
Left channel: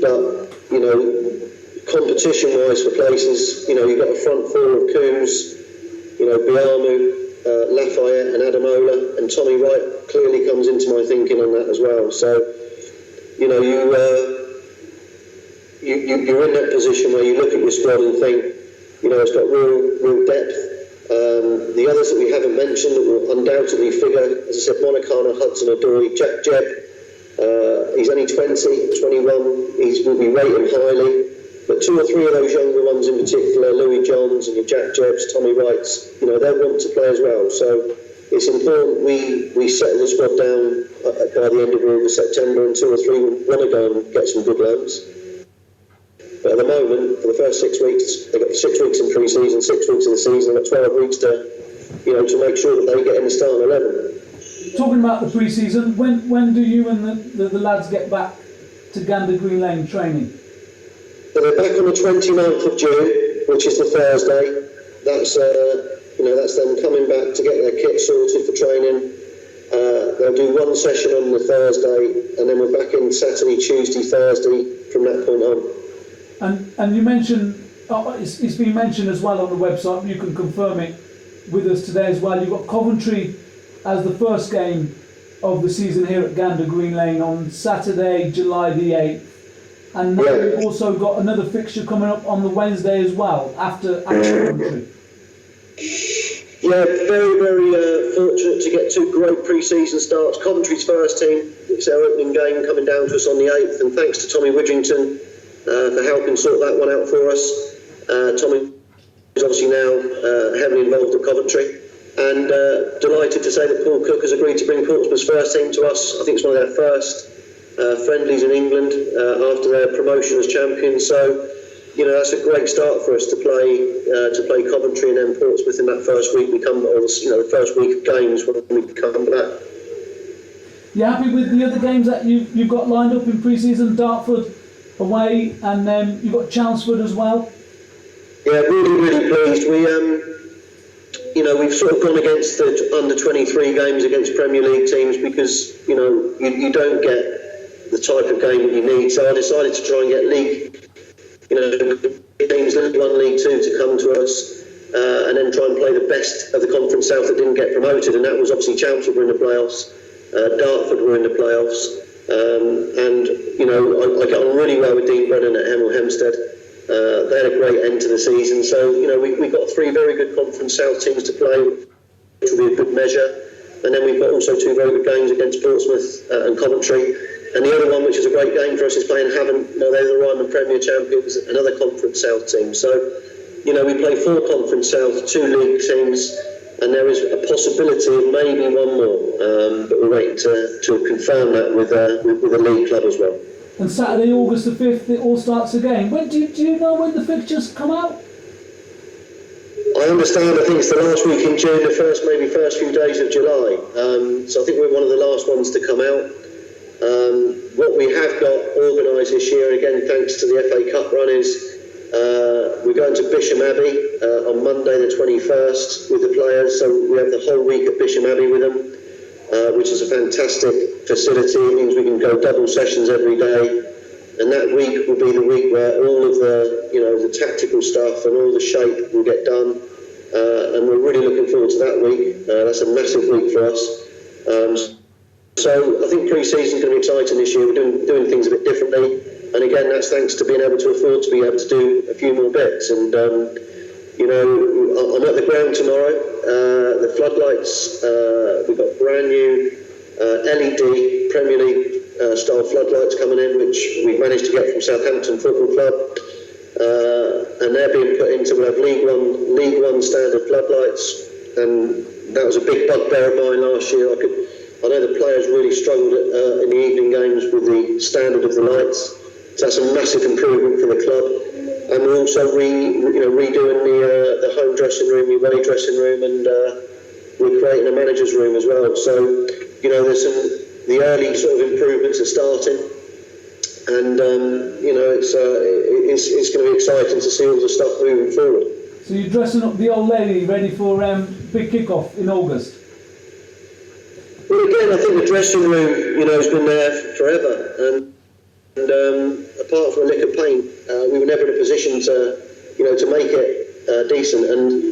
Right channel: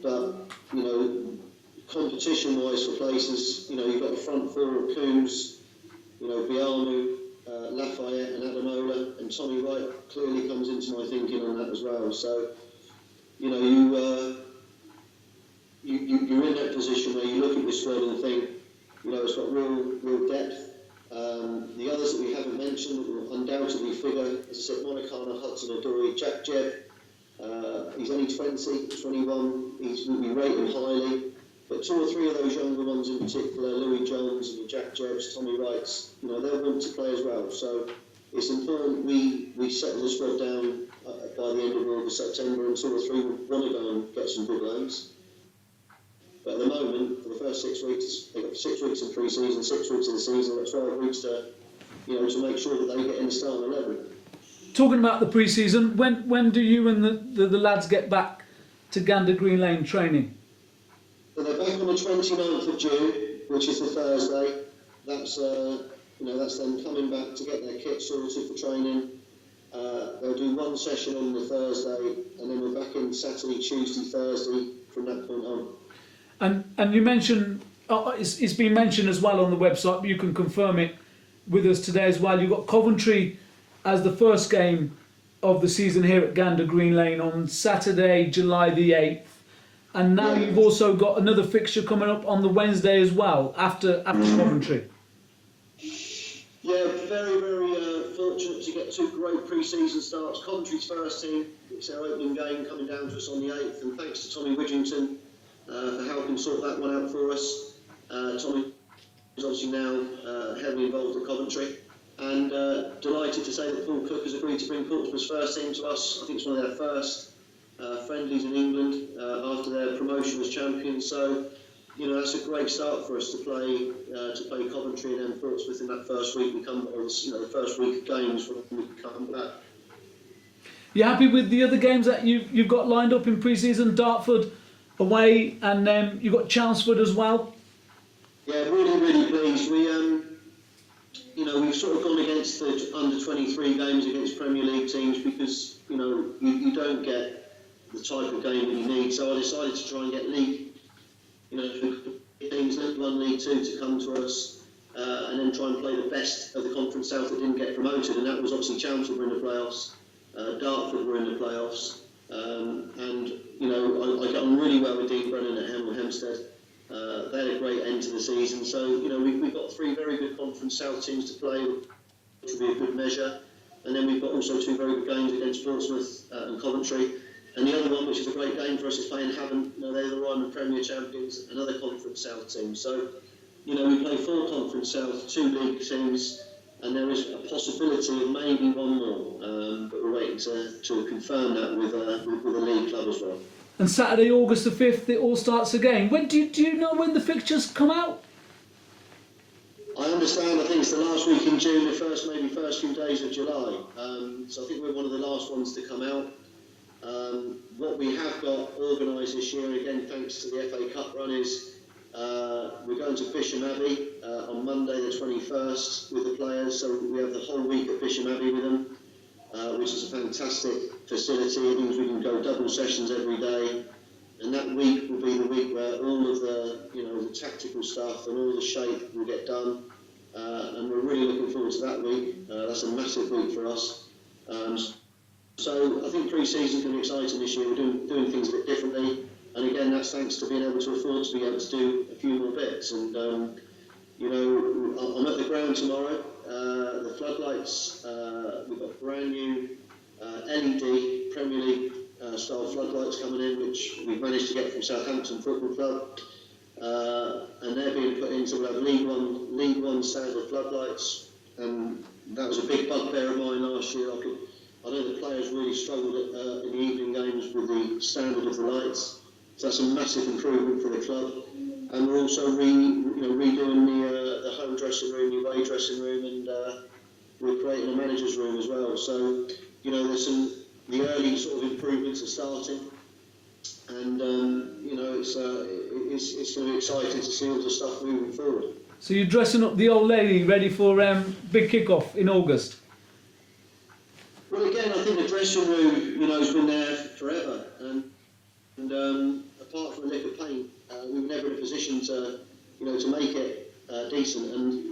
But competition-wise for places, you've got a front four of Coos, Biamu, Lafayette and Adamola, and Tommy Wright clearly comes into my thinking on that as well. So, you're in that position where you look at your squad and think, it's got real depth. The others that we haven't mentioned that will undoubtedly figure, as I said, Monicano, Hudson-Odoi, Jack Jebb. He's only 20, 21. We rate him highly. But 2 or 3 of those younger ones in particular, Louis Johns and your Jack Jebbs, Tommy Wrights, they want to play as well. So it's important we settle the squad down by the end of August, September, and 2 or 3 want to go and get some good loans. But at the moment, for the first 6 weeks, they've got 6 weeks in pre-season, 6 weeks in the season, they've got 12 weeks to make sure that they get in the starting 11. Talking about the pre-season, when do you and the lads get back to Gander Green Lane training? So they're back on the 29th of June, which is the Thursday. That's them coming back to get their kit sorted for training. They'll do 1 session on the Thursday, and then we're back in Saturday, Tuesday, Thursday from that point on. And you mentioned, it's been mentioned as well on the website, but you can confirm it with us today as well. You've got Coventry as the first game of the season here at Gander Green Lane on Saturday, July the 8th. And now you've also got another fixture coming up on the Wednesday as well, after Coventry. Yeah, very, very fortunate to get 2 great pre-season starts. Coventry's first team, it's their opening game coming down to us on the 8th, and thanks to Tommy Widgington for helping sort that one out for us. Tommy is obviously now heavily involved at Coventry, and delighted to say that Paul Cook has agreed to bring Portsmouth's first team to us. I think it's one of their first friendlies in England after their promotion as champions. So, that's a great start for us to play Coventry and then Portsmouth in that first week. The first week of games when we come back. You happy with the other games that you've got lined up in pre-season? Dartford away, and then you've got Chelmsford as well. Yeah, really, really pleased. We've sort of gone against the under 23 games against Premier League teams because you don't get the type of game you need. So I decided to try and get league, teams League 1, League 2 to come to us, and then try and play the best of the Conference South that didn't get promoted, and that was obviously Chelmsford were in the playoffs, Dartford were in the playoffs, and I get on really well with Dean Brennan at Hemel Hempstead. They had a great end to the season. So, we've got 3 very good Conference South teams to play, which will be a good measure. And then we've got also 2 very good games against Portsmouth and Coventry. And the other one, which is a great game for us, is playing Havant. They're the Ryman Premier champions, another Conference South team. So, we play 4 Conference South, 2 league teams, and there is a possibility of maybe one more. But we're waiting to confirm that with the league club as well. And Saturday, August the 5th, it all starts again. When do you know when the fixtures come out? I understand, I think it's the last week in June, the first few days of July. So I think we're one of the last ones to come out. What we have got organised this year, again thanks to the FA Cup run, is we're going to Bisham Abbey on Monday the 21st with the players. So we have the whole week at Bisham Abbey with them, which is a fantastic facility. It means we can go double sessions every day. And that week will be the week where all of the tactical stuff and all the shape will get done. And we're really looking forward to that week. That's a massive week for us. So I think pre-season is going to be exciting this year. We're doing things a bit differently. And again, that's thanks to being able to afford to be able to do a few more bits. And, I'm at the ground tomorrow. The floodlights, we've got brand new LED Premier League style floodlights coming in, which we've managed to get from Southampton Football Club, and they're being put into, we'll have League One standard floodlights, and that was a big bugbear of mine last year. I know the players really struggled in the evening games with the standard of the lights, so that's a massive improvement for the club. And we're also redoing the home dressing room, the away dressing room, and we're creating a manager's room as well. So there's the early sort of improvements are starting, and it's going to be exciting to see all the stuff moving forward. So you're dressing up the old lady ready for big kick-off in August? Well, again, I think the dressing room, has been there forever, and apart from a lick of paint, we were never in a position to make it decent. And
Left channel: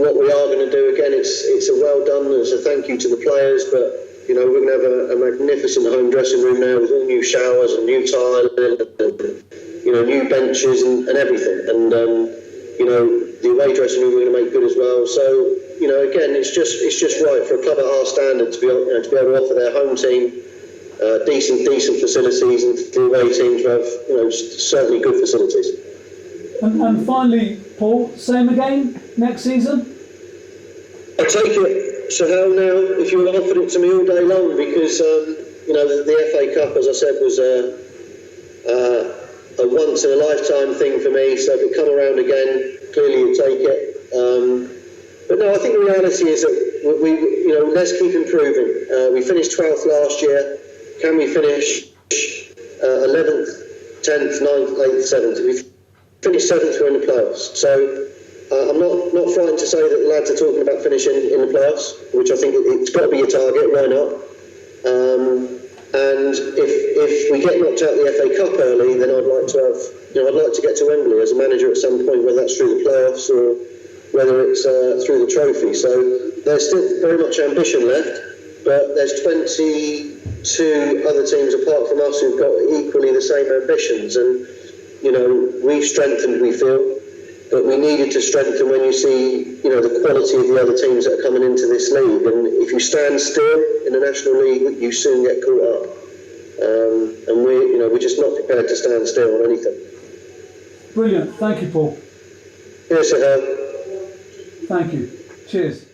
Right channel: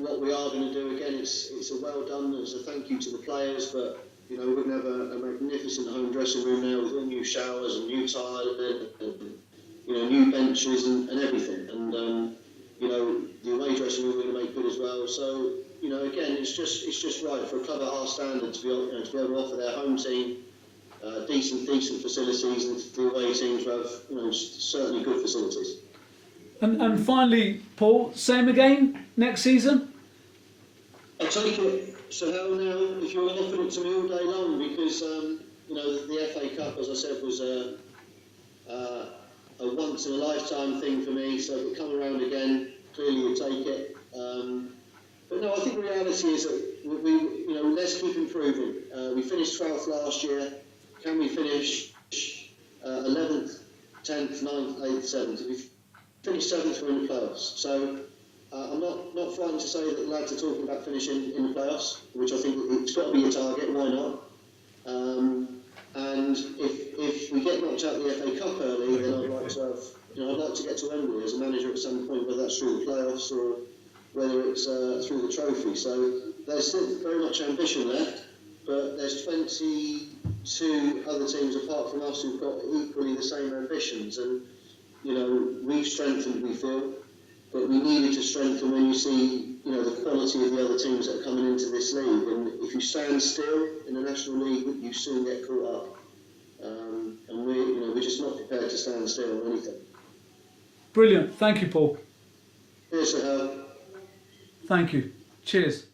what we are going to do again, it's a well done, it's a thank you to the players, but we're going to have a magnificent home dressing room now with all new showers and new tiling and new benches and everything. And the away dressing room we're going to make good as well. So again, it's just right for a club at our standard to be able to offer their home team decent facilities, and the away teams have certainly good facilities. And finally, Paul, same again next season? I take it, Sohail, now, if you were offered it to me all day long, because the FA Cup, as I said, was a once in a lifetime thing for me. So if it come around again, clearly you'd take it. But no, I think the reality is that we let's keep improving. We finished 12th last year. Can we finish 11th, 10th, 9th, 8th, 7th? If we finish 7th, we're in the playoffs. So I'm not frightened to say that the lads are talking about finishing in the playoffs, which I think it's got to be a target. Why not? And if we get knocked out the FA Cup early, then I'd like to get to Wembley as a manager at some point, whether that's through the playoffs or whether it's through the trophy. So there's still very much ambition left, but there's 22 other teams apart from us who've got equally the same ambitions, and we've strengthened, we feel, but we needed to strengthen when you see the quality of the other teams that are coming into this league. And if you stand still in the National League, you soon get caught up, and we're just not prepared to stand still on anything. Brilliant. Thank you, Paul. Yes, Sohail. Thank you. Cheers.